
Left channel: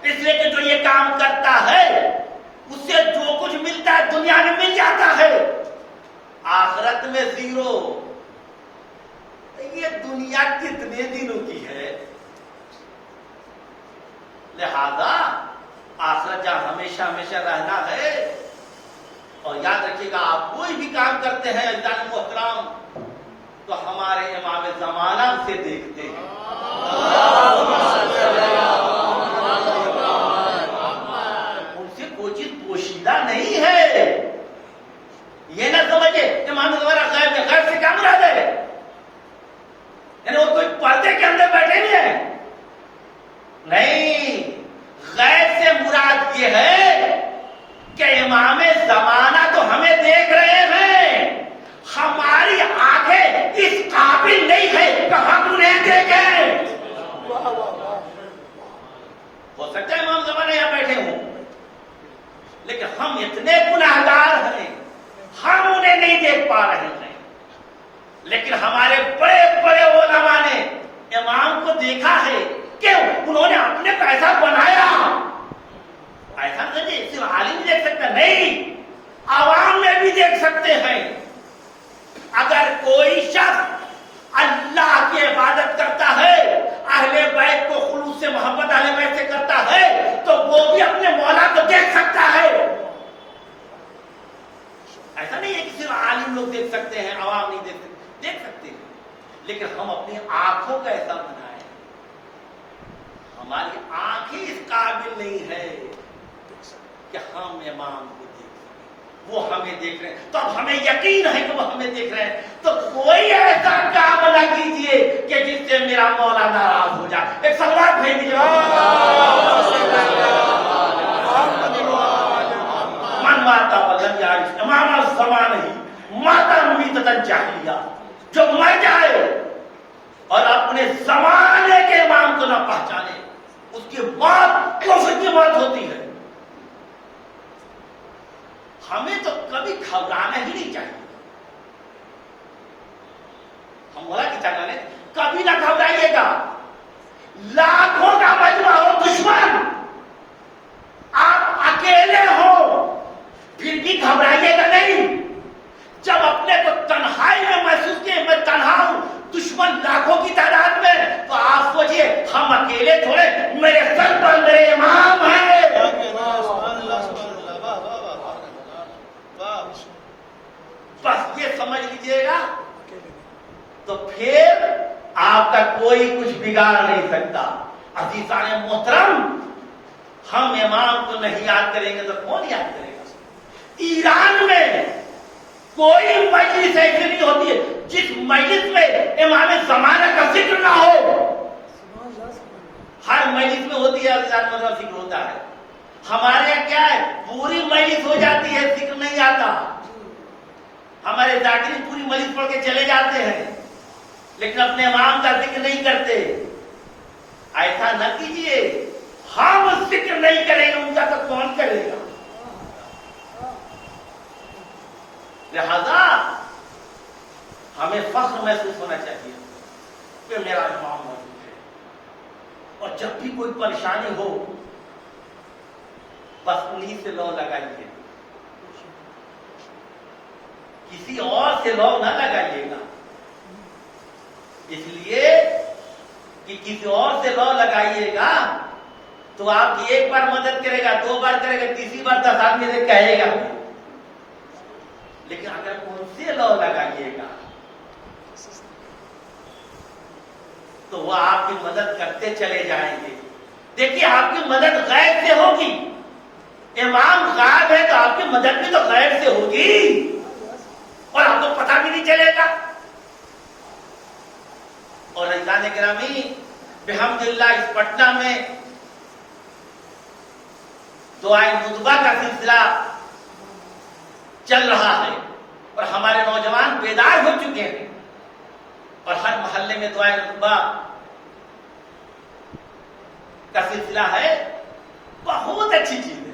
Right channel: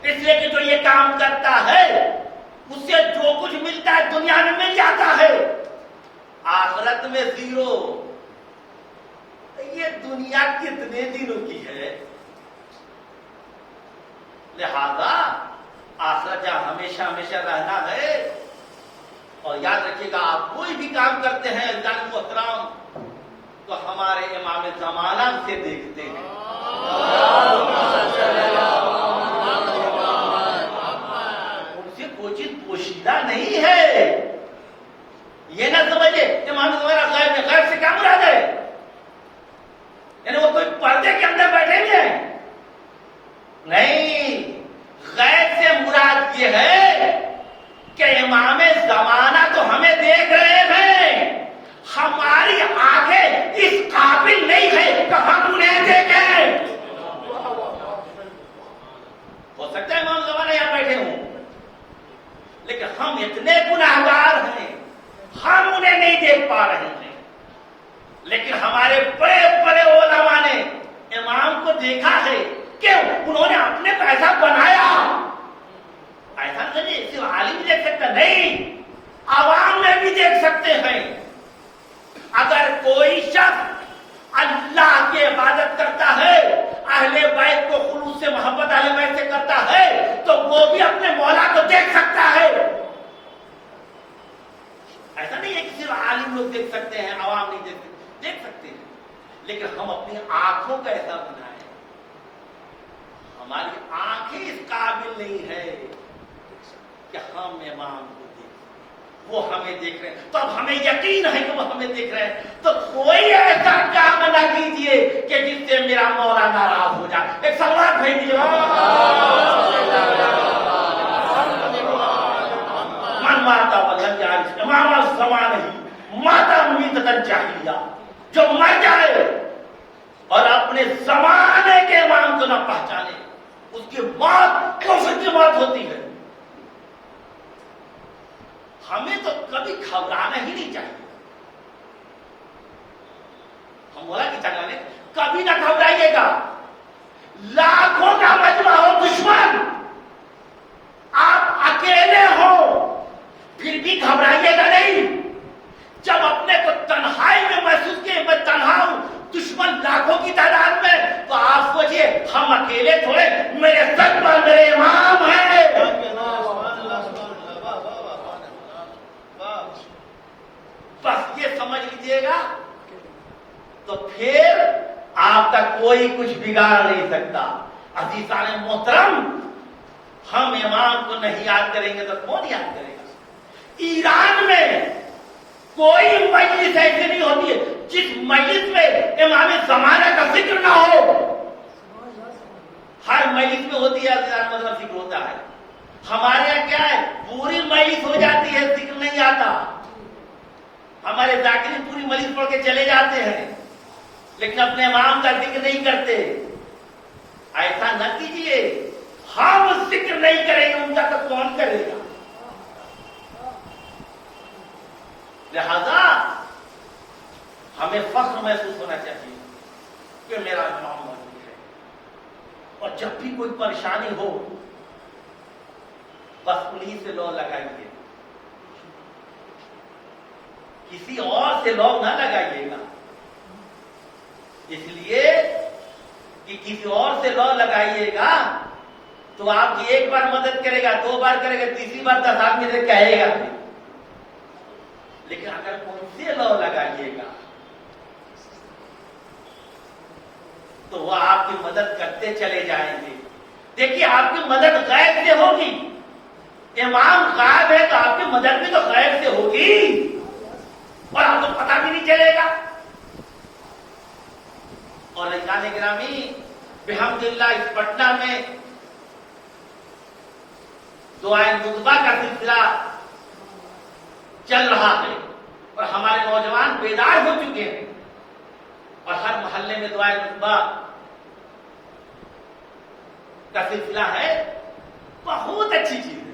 اس لیے کہ جو یہ کام کرتا ہے اس سے جو کچھ ملتا ہے دنیا میں مل جاتا ہے، آخرت میں زیرو۔ یہ دنیا کتنے دنوں کی ہے؟ لہذا آخرت جہاں ہمیشہ ہمیشہ رہنا ہے۔ اور یاد رکھیے گا، آپ کوئی بھی کام کرتے ہیں عزیزان محترم تو ہمارے امام زمانہ سے دیکھتے ہیں۔ ان سے کوئی چیز پوشیدہ نہیں ہے۔ یہ نہ سمجھے امام زمانہ غیب میں، غیب سے کیا مراد ہے؟ یعنی وہ کوئی پردے کے اندر بیٹھے ہوئے ہیں؟ نہیں، غیب سے مراد یہ ہے کہ امام زمانہ تو ہمیں دیکھ رہے ہیں، ہماری آنکھیں اس قابل نہیں ہے کہ ہم انہیں دیکھیں۔ ہو سکتا ہے امام زمانہ یہاں بیٹھے ہوں، لیکن ہم اتنے گناہگار ہیں ہم انہیں نہیں دیکھ پا رہے ہیں۔ لیکن ہمارے بڑے بڑے علماء نے امام کو دیکھا ہے کہ انہوں نے اپنے پیسہ بنایا۔ ایسا نہیں صرف عالم دیکھ سکتا، نہیں، عوام میں بھی دیکھ سکتے ہیں۔ اگر کوئی شخص اللہ کی عبادت کرتا ہے، اہل بیت کو خلوص سے محبت اہل بیت سے کرتا ہے، تو وہ بھی اپنے مولا کو دیکھ سکتا ہے۔ ایسا نہیں ہے کہ صرف عالم لوگ دیکھ سکتے ہیں، عوام نہیں دیکھ سکتے، دیکھ سکتے ہیں، لیکن ہم اپنی آنکھوں کا ایسا بنائیں۔ ہماری آنکھیں اس قابل نہیں ہے کہ ہم امام کو دیکھ سکیں، وہ ہمیں دیکھ رہے ہیں، تو اب ہمیں یقین ہے کہ وہ ہمیں دیکھ رہے ہیں۔ تو کوئی ایسا کام نہ کیجیے کہ جس سے میرا مولا ناراض ہو جائے۔ ایک سوال بھیج دیجیے، من ماتا ولم یعرف امام الزمانہ ماتا میتۃ الجاہلیہ، جو مر جائے اور اپنے زمانے کے امام کو نہ پہچانے، اس کی موت کفر کی موت ہوتی ہے۔ ہمیں تو کبھی گھبرانا ہی نہیں چاہیے۔ ہم مولا کی تگانے کبھی نہ گھبرائیے گا۔ لاکھوں کا مجمع ہو دشمن، آپ اکیلے ہو پھر بھی گھبرائیے گا نہیں۔ جب اپنے کو تنہائی میں محسوس کیے میں تنہا ہوں، دشمن لاکھوں کی تعداد میں، تو آپ سوچئے ہم اکیلے تھوڑے، میرے سر پر میرے امام ہیں۔ بس یہ سمجھ لیجیے گا تو پھر آپ کا کوئی کچھ بگاڑ نہیں سکتا۔ عزیزان محترم، ہم امام کو نہیں یاد کریں گے تو کون یاد کرے گا؟ ایران میں کوئی مجلس ایسی نہیں ہوتی ہے جس مجلس میں امام زمانہ کا ذکر نہ ہو۔ ہر مجلس میں ہوتی ہے، ذکر ہوتا ہے۔ ہمارے یہاں کیا ہے، پوری مجلس ہو جاتی ہے، ذکر نہیں آتا۔ ہمارے ذاکرین پوری مجلس پڑھ کے چلے جاتے ہیں لیکن اپنے امام کا ذکر نہیں کرتے۔ ایسا نہ کیجیے، ہم ذکر نہیں کریں گے ان کا تو کون کرے گا؟ لہذا ہمیں فخر محسوس ہونا چاہیے کہ میرا امام موجود ہے۔ اور جب بھی کوئی پریشانی ہو بس انہیں سے لو لگائیے، کسی اور سے لو نہ لگائیے گا، اس لیے کہ کسی اور سے لو لگائیے گا تو آپ کی ایک بار مدد کرے گا، دو بار کرے گا، تیسری بار 10 آدمی سے کہے گا۔ لیکن اگر ان سے لو لگائیے گا تو وہ آپ کی مدد کرتے چلے جائیں گے. دیکھیے آپ کی مدد غیب سے ہوگی. امام غائب ہے تو آپ کی مدد بھی تو غیب سے ہوگی اور آپ کو پتہ بھی نہیں چلے گا. اور عزیزان گرامی بحمدللہ اس پٹنہ میں دعائے مطبع کا سلسلہ چل رہا ہے اور ہمارے نوجوان بیدار ہو چکے ہیں اور ہر محلے میں دعائے مطبع کا سلسلہ ہے. بہت اچھی چیز ہے.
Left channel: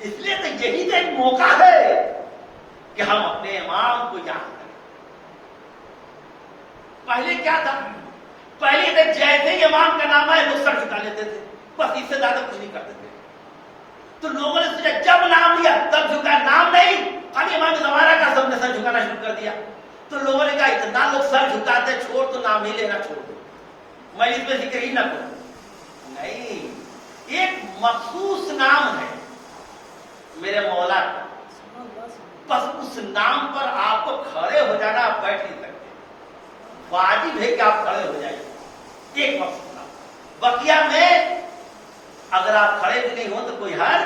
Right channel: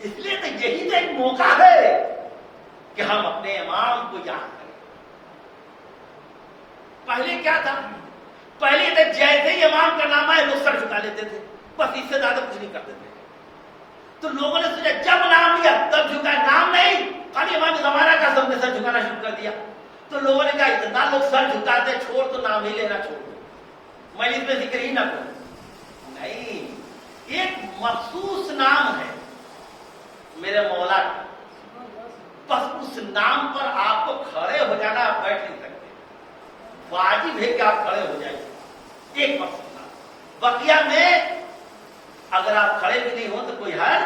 اس لیے تو یہی تو ایک موقع ہے کہ ہم اپنے امام کو یاد کریں. پہلے کیا تھا؟ پہلے تو جیسے ہی امام کا نام آئے وہ سر جھکا لیتے تھے, بس اس سے زیادہ کچھ نہیں کرتے تھے. تو لوگوں نے سوچا جب نام لیا تب جھکا, نام نہیں خالی امام زمانہ کا سب نے سر جھکانا شروع کر دیا. تو لوگوں نے کہا اتنا لوگ سر جھکاتے چھوڑ تو نام ہی لینا چھوڑ دو, میں اس پہ ذکر ہی نہ کروں. نہیں, ایک مخصوص نام ہے میرے مولا کا, بس اس نام پر آپ کو کھڑے ہو جانا, آپ بیٹھ نہیں سکتے, واجب ہے کہ آپ کھڑے ہو جائیں. ایک مخصوص نام. بقیہ میں اگر آپ کھڑے بھی نہیں ہو تو کوئی حل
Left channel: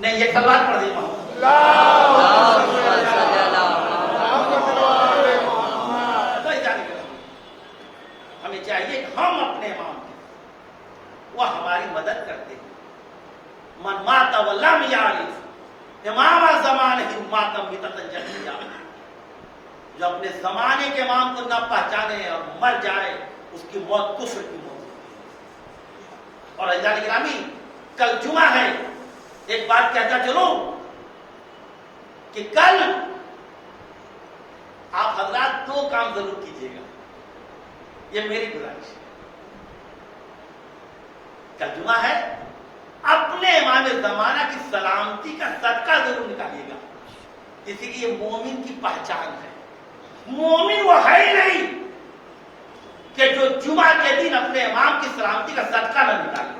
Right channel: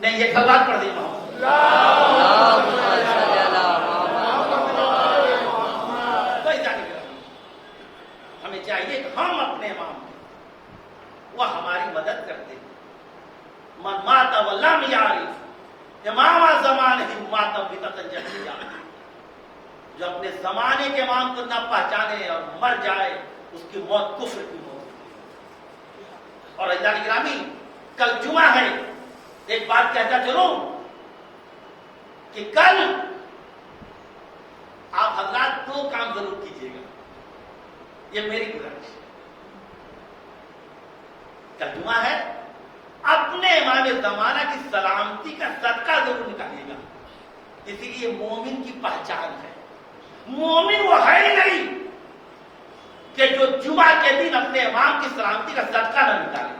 نہیں. یہ کلمات پڑھ دیں محمد ہمیں چاہیے کہ ہم اپنے امام ہیں, وہ ہماری مدد کرتے ہیں. من مات ولم یعرف امام زمانہ ماتم بتتن جہلیہ, جو اپنے زمانے کے امام کو نہ پہچانے اور مر جائے اس کی موت کفر کی موت. اور عزیزان گرامی کل جمعہ ہے, ایک بات کہتا چلوں کہ کل آپ حضرات دو کام ضرور کیجیے گا, یہ میری گزارش ہے. کل جمعہ ہے, اپنے امام زمانہ کی سلامتی کا صدقہ ضرور نکالیے گا. اسی لیے مومن کی پہچان ہے. مومن وہ ہے ہی نہیں کہ جو جمعہ کے دن اپنے امام کی سلامتی کا صدقہ نہ نکالے.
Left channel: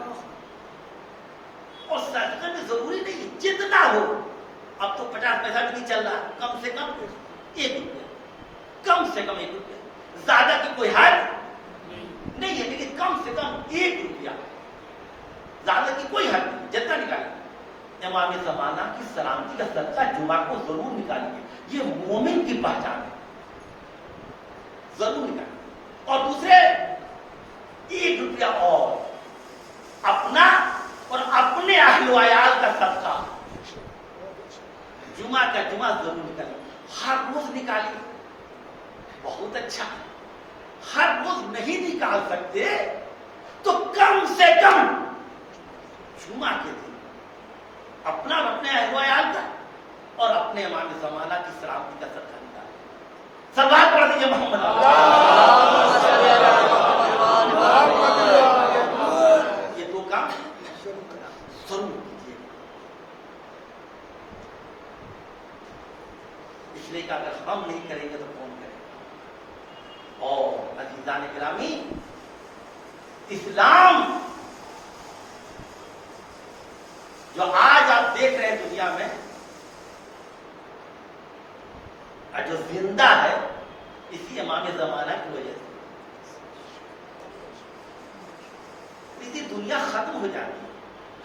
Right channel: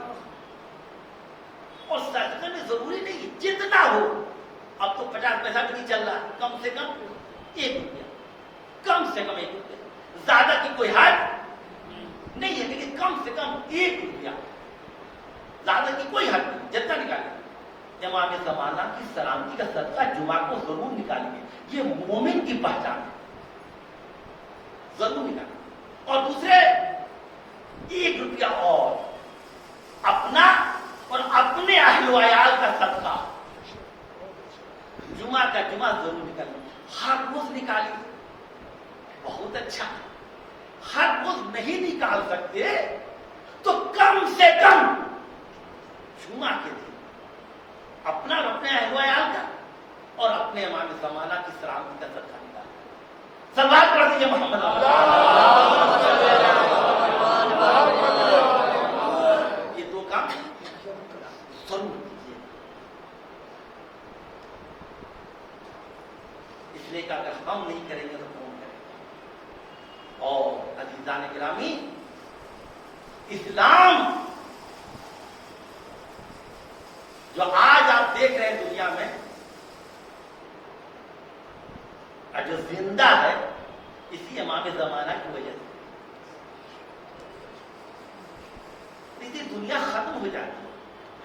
اور صدقے میں ضروری نہیں ہے جتنا ہو. اب تو 50 پیسہ بھی نہیں چل رہا, کم سے کم 1 روپیہ, کم سے کم 1 روپیہ, زیادہ کی کوئی حد نہیں ہے, لیکن کم سے کم 1 روپیہ, زیادہ کی کوئی حد نہیں, جتنا نکالیں. امام زمانہ کی سلامتی کا صدقہ جمعہ کو ضرور نکالیں. یہ مومن کی پہچان ہے, ضرور نکالیں. اور دوسرے 1 روپیہ اور اپنا اور اپنے اہل و عیال کا صدقہ جمعہ کا جمعہ ضرور نکالیں. ہر روز نکالیے, بہت اچھا. ہر روز نہیں نکال سکتے تو کم سے کم جمعہ کے دن اپنا اور اپنے اہل و عیال کا اور اپنے امام زمانہ کی سلامتی کا صدقہ نکالیں. سلوات پڑھ دیجیے محمد. یہ 2 کام ضرور کیجیے. اس لیے کہ اگر ہم نہیں کریں گے تو کون کرے گا. اور عزیزان گرامی اسلام جو آج آپ دیکھ رہے ہیں دنیا میں, جو زندہ ہے اسی امام زمانہ کی وجہ سے. اسی دنیا ختم ہو جاتی ہے.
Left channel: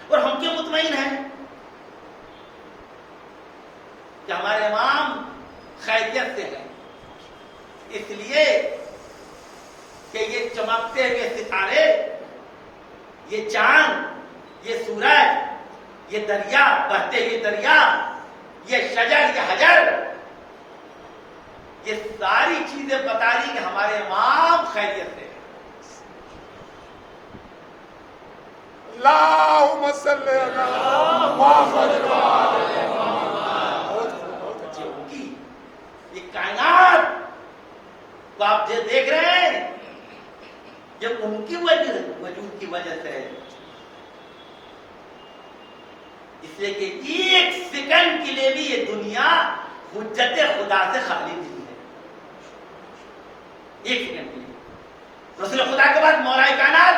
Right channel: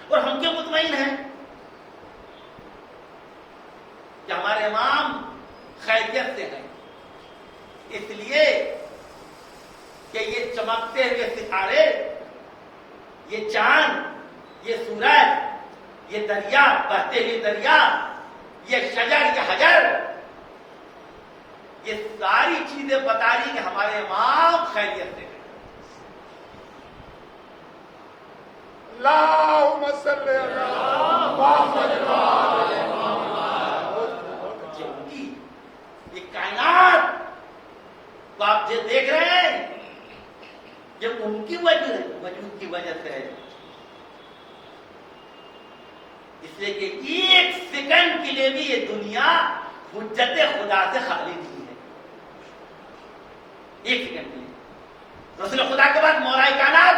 اور ہم کیوں مطمئن ہیں کہ ہمارے امام خیریت سے ہیں؟ اس لیے کہ یہ چمکتے ہوئے ستارے, یہ چاند, یہ سورج, یہ دریا, بہتے ہوئے دریا, یہ شجر, یہ حجر, یہ ساری چیزیں بتا رہی کہ ہمارے امام خیریت سے ہیں. اللہم صلی اللہ محمد یہ کائنات تو آپ جو دیکھ رہے ہیں یہ ان کی وجود کی وجہ سے ہے. اس لیے کہ 1 سیکنڈ کے لیے بھی یہ دنیا حجت خدا سے خالی نہیں ہے. 1 سیکنڈ کے لیے رسول خدا کے بعد مولا کائنات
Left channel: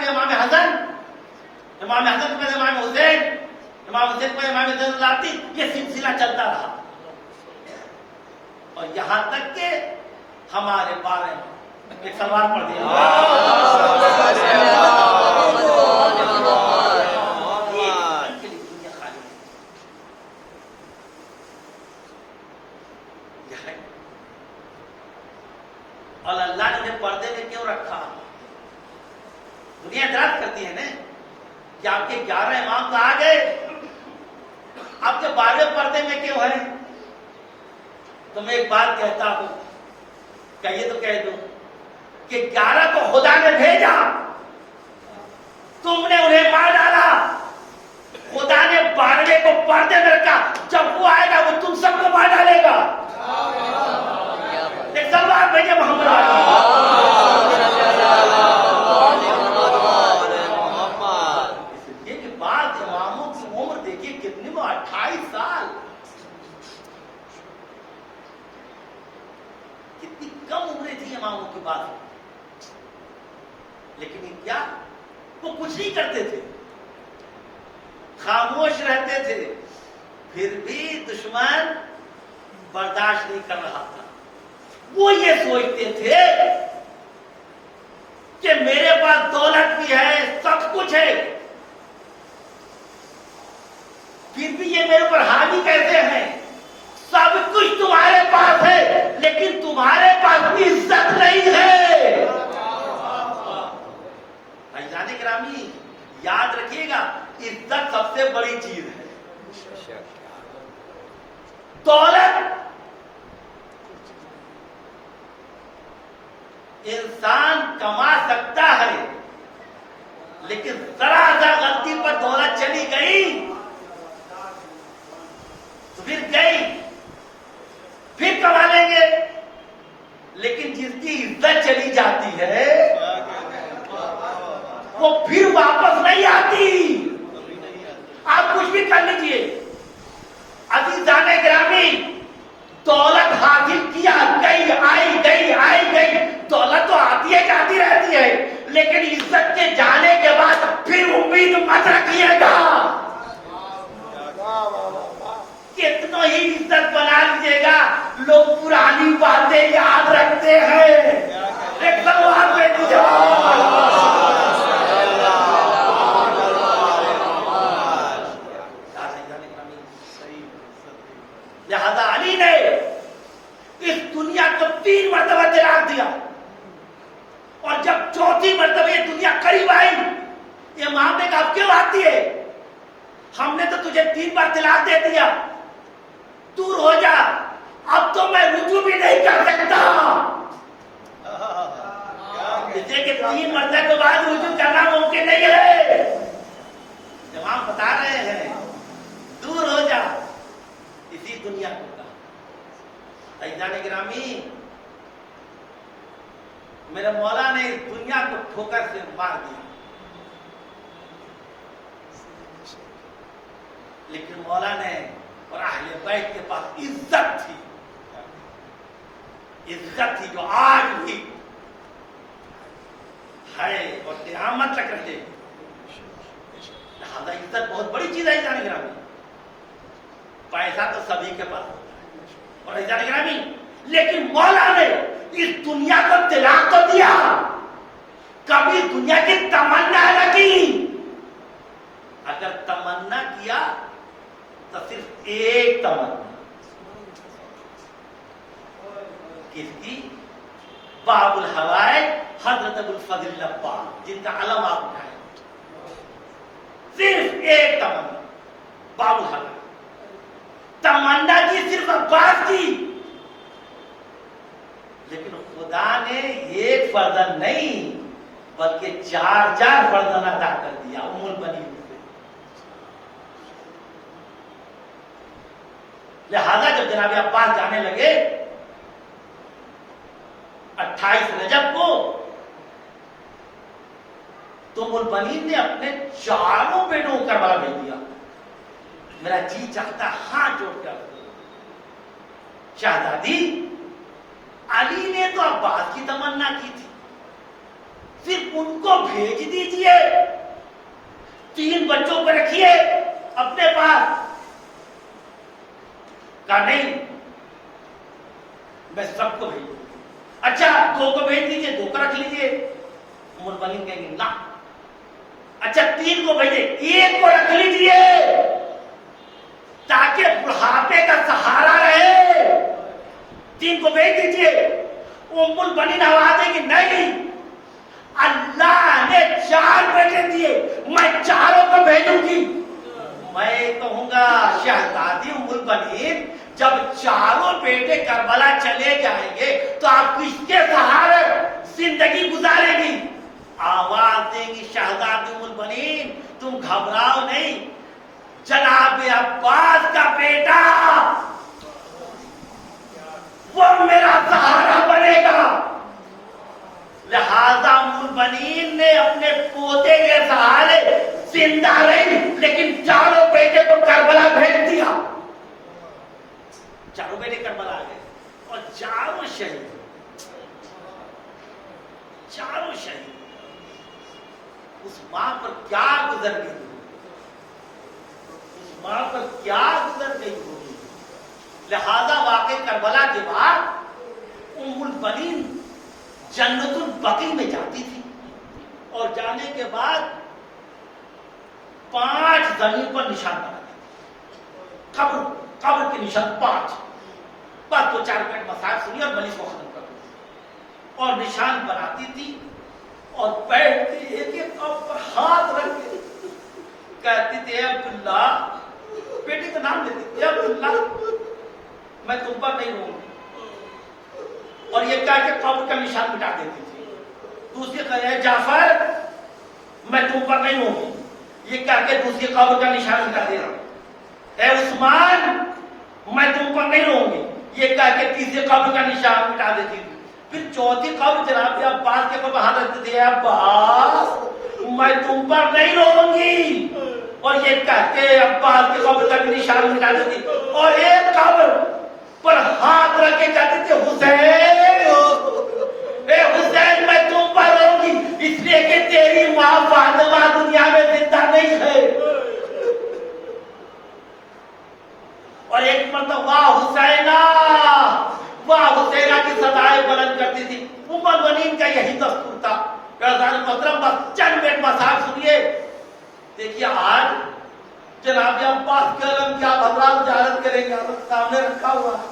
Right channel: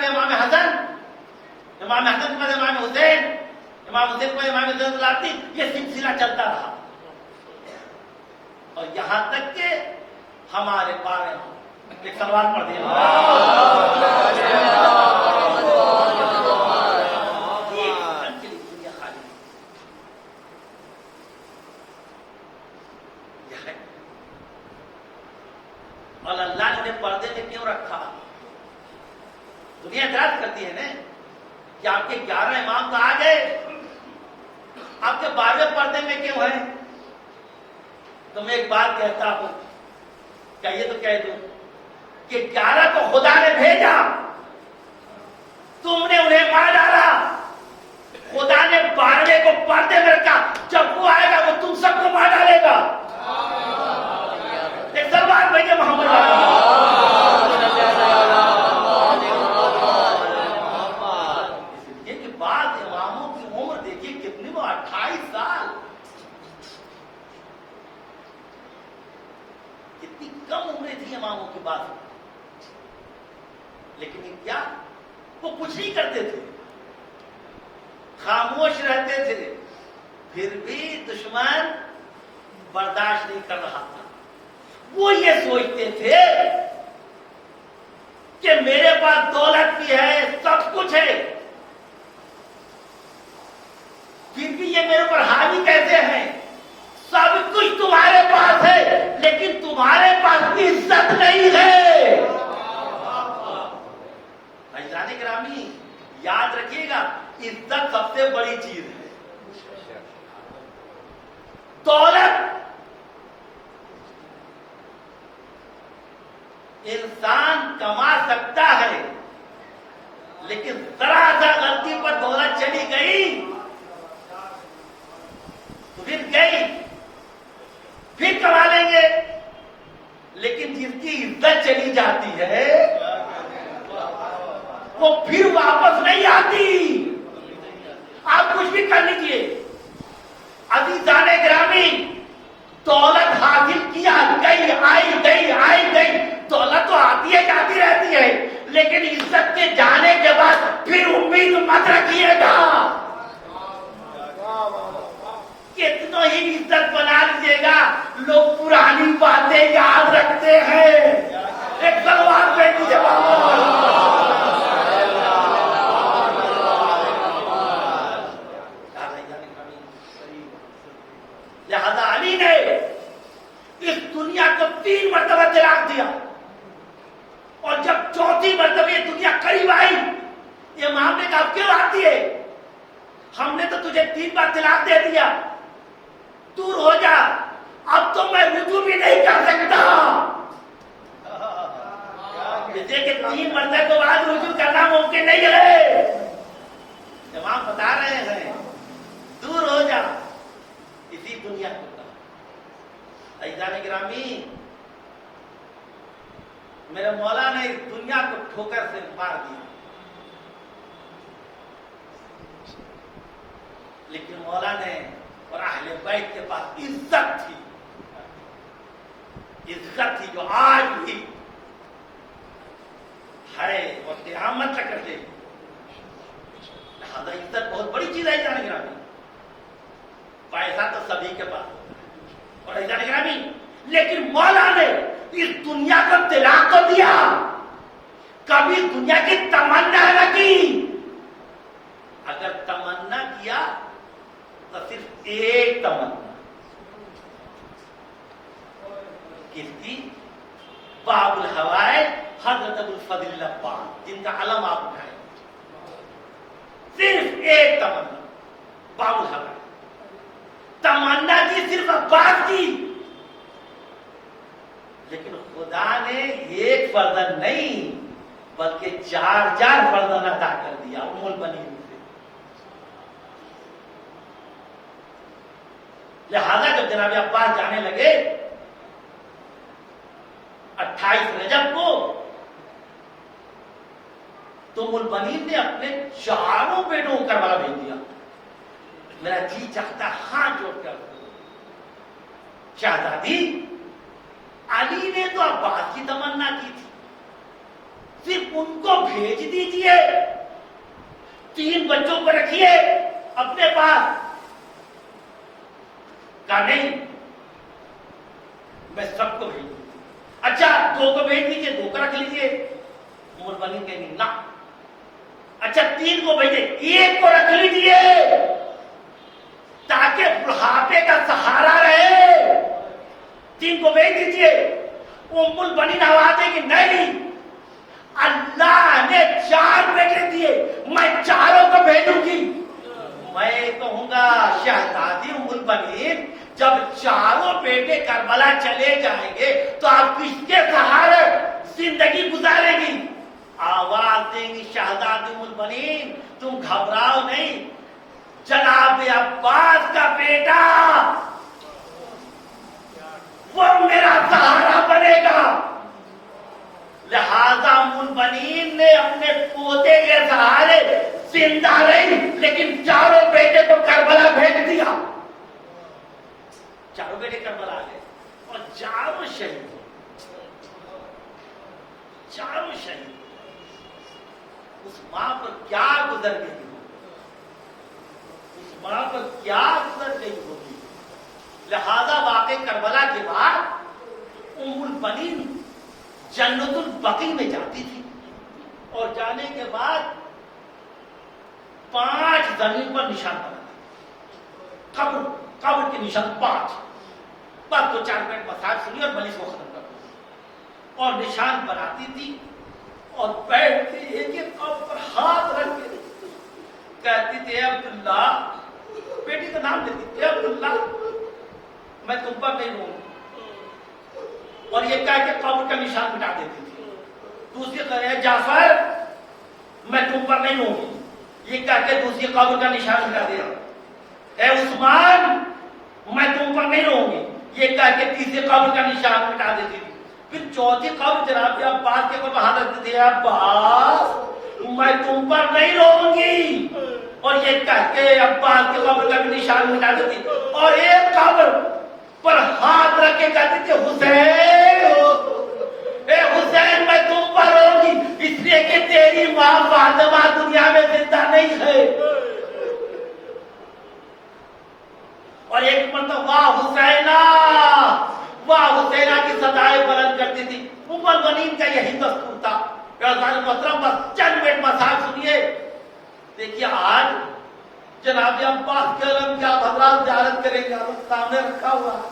میں امام حسن, امام حسن کے بعد امام حسین, امام حسین کو امام زین العابدین، یہ سلسلہ چلتا رہا اور یہاں تک کہ ہمارے بارے میں ایک سوال پڑھ دیا دنیا خالی یہ ہے، اور اللہ نے انہیں پردے میں کیوں رکھا؟ دنیا اعتراض کرتی ہے نا کہ آپ کے 11 امام تو آ گئے، آپ کے 12ویں پردے میں کیوں ہے؟ تو میں ایک بات کہتا ہوں، کہیے تو کہہ دوں کہ 11 کو خدا نے بھیجا، تم نے انہیں مار ڈالا، خدا نے 12ویں کو پردے میں رکھا، جب وہ آئے گا وہ تم سب کو مار ڈالے گا۔ ایک سوال بھیجے محمد یہ کہ بعض اماموں کی عمر دیکھیے کتنی، وہ 28 سال، کتنی کم عمریں تھی اماموں کی بات، لیکن کیا وہ کچھ نہیں کرتے تھے، خاموش رہتے تھے، پھر بھی دشمن برداشت نہیں کر رہا تھا۔ وہ یہ سوچتے تھے کہ میرے پاس دولت بھی ہے، سب کچھ ہے، پھر بھی یہ میرے پر حاوی کیسے ہیں؟ سب کچھ تمہارے پاس ہے لیکن تمہارے پاس عزت نہیں ہے۔ بھائیجان گرامی یاد رکھیے گا، عزت سب سے بڑی چیز ہے۔ دولت انسان کما سکتا ہے لیکن ذرا سا غلطی پر دولت چلی گئی تو پھر گئی، پھر کما لیں گے، لیکن جس کی عزت چلی جاتی ہے وہ پھر واپس نہیں آتی۔ آپ کچھ بھی کر لیجیے عزیزان گرامی، دولت حاصل کیا، گئی آئی گئی آئی گئی، دولت تو آتی ہے جاتی رہتی ہے، لیکن عزت کے جانے کے بعد پھر امید مت رکھیے گا۔ کتنا ہی عزت بنا لیجیے گا، لوگ پرانی باتیں یاد رکھتے ہیں۔ ایک سوال پہ جواب لہذا علی نے اس دنیا کو 3 مرتبہ طلاق دیا، اور جب 4تھی مرتبہ یہ دنیا قریب آئی، امام نے کہا کیوں آتی ہے؟ ہم نے تو تجھے 3 بار طلاق دے دیا، دور ہو جا، اب تو میں رجوع بھی نہیں کر سکتا۔ جیسے کہ 3 مرتبہ کے بعد رجوع کرنا ممکن نہیں ہے۔ امام بتا رہے ہیں دور ہو جا، اسی دنیا کو کہا۔ عزیزان گرامی، میرے مولا نے اس دنیا کو ٹھوکر سے مار دیا، لیکن مولا نے اور اہل بیت کے پاس عزت تھی جو آج بھی ہے اور قیامت تک رہے۔ لہذا عزت بہت بڑی چیز ہے عزیزان گرامی۔ پیسہ تو سبھی کے پاس ہوتا ہے اور عزیزان گرامی، لیکن مولا نے اس دنیا کو طلاق تو دیا، کبھی دنیا کی تمنا نہ کی۔ اگر تمنا کیا تو صرف ایک تمنا، کس کی؟ باب الحوائج حضرت ابو الفضل لبان، جن کا علم آپ اٹھائے، صرف ایک تمنا، باب الحوائج۔ تمنا کی صرف عباس کی، لیکن خدا نے ایک فرزند نہیں بلکہ 4 فرزند عطا کر دیا ام البنین سے۔ لہذا جب جناب عباس جانے لگے 28 رجب کو، تو ام البنین نے اپنے 4 بیٹوں کو کربلا بھیج دیا۔ میرا جی چاہتا ہاتھ جوڑ کر، شہزادی علی نے تو عباس کی تمنا کی تھی، صرف ان کو بھیج دیجئے، 3 بچوں کو رکھیے اپنے پاس؟ کہا نہیں، میں سب کو بھیجوں۔ اچھا 2 کو بھیج دیجیے، 2 کو رکھ لیجیے۔ ام البنین کہیں گے نہ۔ اچھا 3 کو بھیجے، 1 کو رکھ لیجیے تاکہ بڑھاپے کا سہارا رہے۔ 3 کو بھیج دیجیے۔ ام البنین آواز دے کہ نہیں، اللہ نے 4 بیٹے دیے، میں 4 کو بھیجوں گی۔ میں کہوں گا شہزادی ام البنین، جب 4 بیٹے کربلا چلے جائیں گے تو آپ کس کے سہارے زندگی گزارے گی؟ آواز دیں گی شہزادی ام البنین تم گھبراؤ نہیں، جناب عباس کا بیٹا وہ میرا سہارا بنے گا۔ لہذا ام البنین نے اپنے پوتے کے سہارے زندہ رہی، لیکن 4 بیٹے کو کربلا بھیج دیا۔ 4 بیٹے کربلا آ گئے اور 4 شہید، 4 شہید۔ اس ماں پر کیا گزر گئی، اس ماں پر کیا گزر گئی ہوگی۔ لہذا واقع کربلا کے بعد ام البنین جنت البقیع میں جاتی تھی، اور جانے کے بعد 5 زمین پر نشان بناتی، قبر کے نشان 5۔ بس 2-4 منٹ مسائل سنی اور مجلس کو ختم کر دو۔ اور نشان بناتی تھی اور بیٹھتی ایک قبر پر ہاتھ رکھ کے کہتی تھی اے عبداللہ، بیٹی کا نام لیتی تھی، اے عبداللہ میں تم پر نہیں ہوں، اور یہ کہہ کے قبر کا نشان مٹا دیتی تھی۔ دوسری کہے جعفر میں تم پر نہیں ہوں، یہ کہہ کے دوسری قبر کا نشان مٹا دیتی۔ اے عثمان میں تم پر نہیں رہوں گی، یہ کہہ کے تیسری قبر کا نشان مٹا دیتی تھی۔ پھر 4تھی قبر جناب عباس کے اوپر ہاتھ رکھتے تھے، عباس میں تم پر نہیں رہوں گی، اور یہ کہہ کے عباس کے قبر کا نشان مٹا دیتی۔ اور ایک قبر پر ہاتھ رکھ کے کہتے تھے حسین، اے حسین میں تم پر رہوں گی، اس لیے کہ تیری ماں فاطمہ دنیا میں زندہ نہیں ہے۔ اور ایک مرتبہ واہ حسینہ، واہ حسینہ کی صدائیں بلند کرتی تھی۔ ام البنین کا یہی دستور تھا۔ محترم بس چند منٹ مسائل سنیے۔ دیکھیے آج جناب عباس کے علم کیا حضرات زیارت کریں گے، سامنے رکھا ہوا ہے،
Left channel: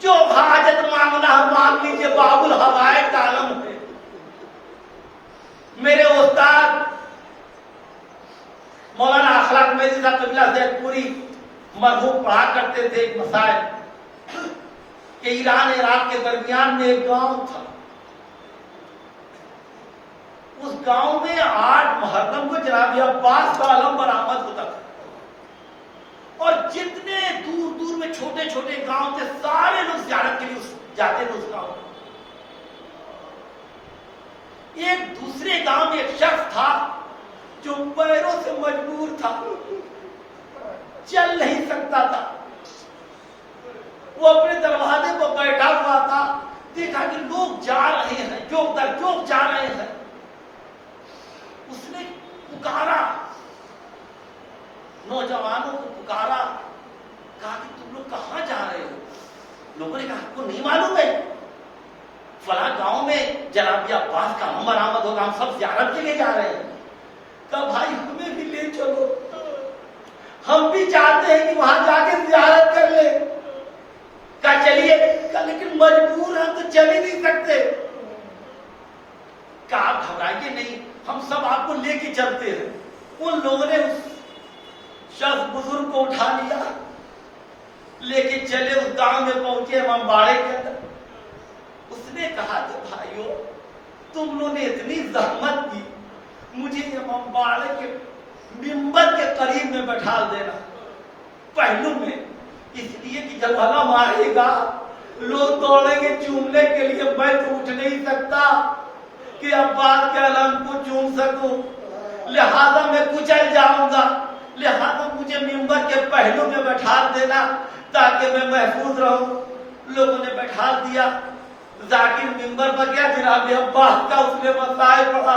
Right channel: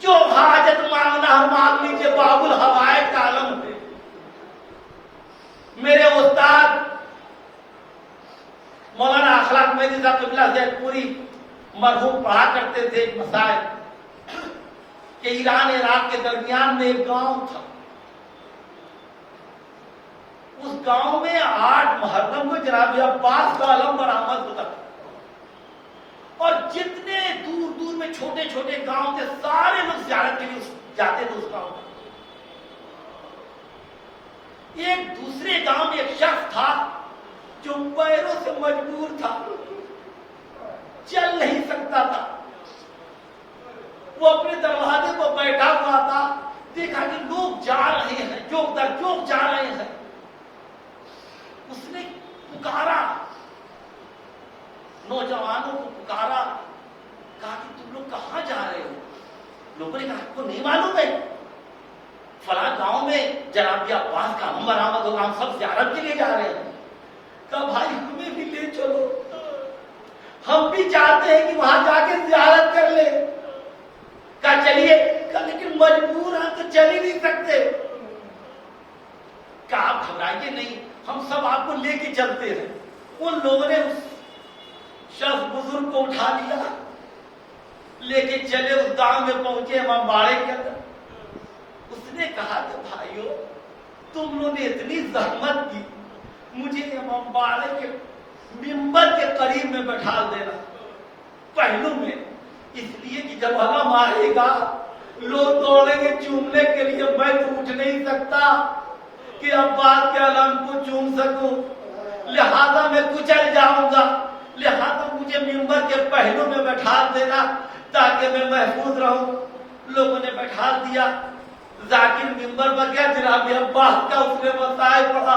جو حاجت مانگنا ہے مانگ لیجیے، باب الحوائج کا عالم ہے۔ میرے استاد مولانا اخلاق میری صاحب قبلہ زید پوری مرحوم پڑھا کرتے تھے ایک مسائل کہ ایران عراق کے درمیان میں ایک گاؤں تھا، اس گاؤں میں 8 محرم کو جناب عباس کا علم برآمد ہوتا تھا، اور جتنے دور دور میں چھوٹے چھوٹے گاؤں تھے سارے لوگ زیارت کے لیے جاتے تھے اس گاؤں میں۔ ایک دوسرے گاؤں میں ایک شخص تھا جو پیروں سے مجبور تھا، چل نہیں سکتا تھا، وہ اپنے دروازے پر بیٹھا ہوا تھا، دیکھا کہ لوگ جا رہے ہیں، جوک در جوک جا رہے ہیں، اس نے پکارا، نوجوانوں کو پکارا، کہا کہ تم لوگ کہاں جا رہے ہو؟ لوگوں نے کہا آپ کو نہیں معلوم ہے فلاں گاؤں میں جناب عباس کا علم برآمد ہوگا، ہم سب زیارت کے لیے جا رہے ہیں۔ کہا بھائی ہمیں بھی لے چلو، ہم بھی چاہتے ہیں کہ وہاں جا کے زیارت کر لیں۔ کہا چلیے، کہا لیکن مجبور ہیں تو چل ہی نہیں سکتے۔ کہا آپ گھبرائیے نہیں، ہم سب آپ کو لے کے چلتے ہیں۔ ان لوگوں نے اس شخص بزرگ کو اٹھا لیا، لے کے چلے، اس گاؤں میں پہنچے امام باڑے کے اندر۔ اس نے کہا کہ بھائیو تم لوگوں نے اتنی زحمت کی، مجھے امام باڑے کے منبر کے قریب میں بٹھا دینا پہلو میں، اس لیے کہ جب علم آئے گا لوگ دوڑیں گے چومنے کے لیے، میں تو اٹھ نہیں سکتا کہ عباس کے علم کو چوم سکوں، لہذا میں کچل جاؤں گا، لہذا مجھے منبر کے پہلو میں بٹھا دینا تاکہ میں محفوظ رہوں۔ لوگوں نے بٹھا دیا، ذاکر منبر پر گیا، جناب عباس کا اس نے مسائل پڑھا،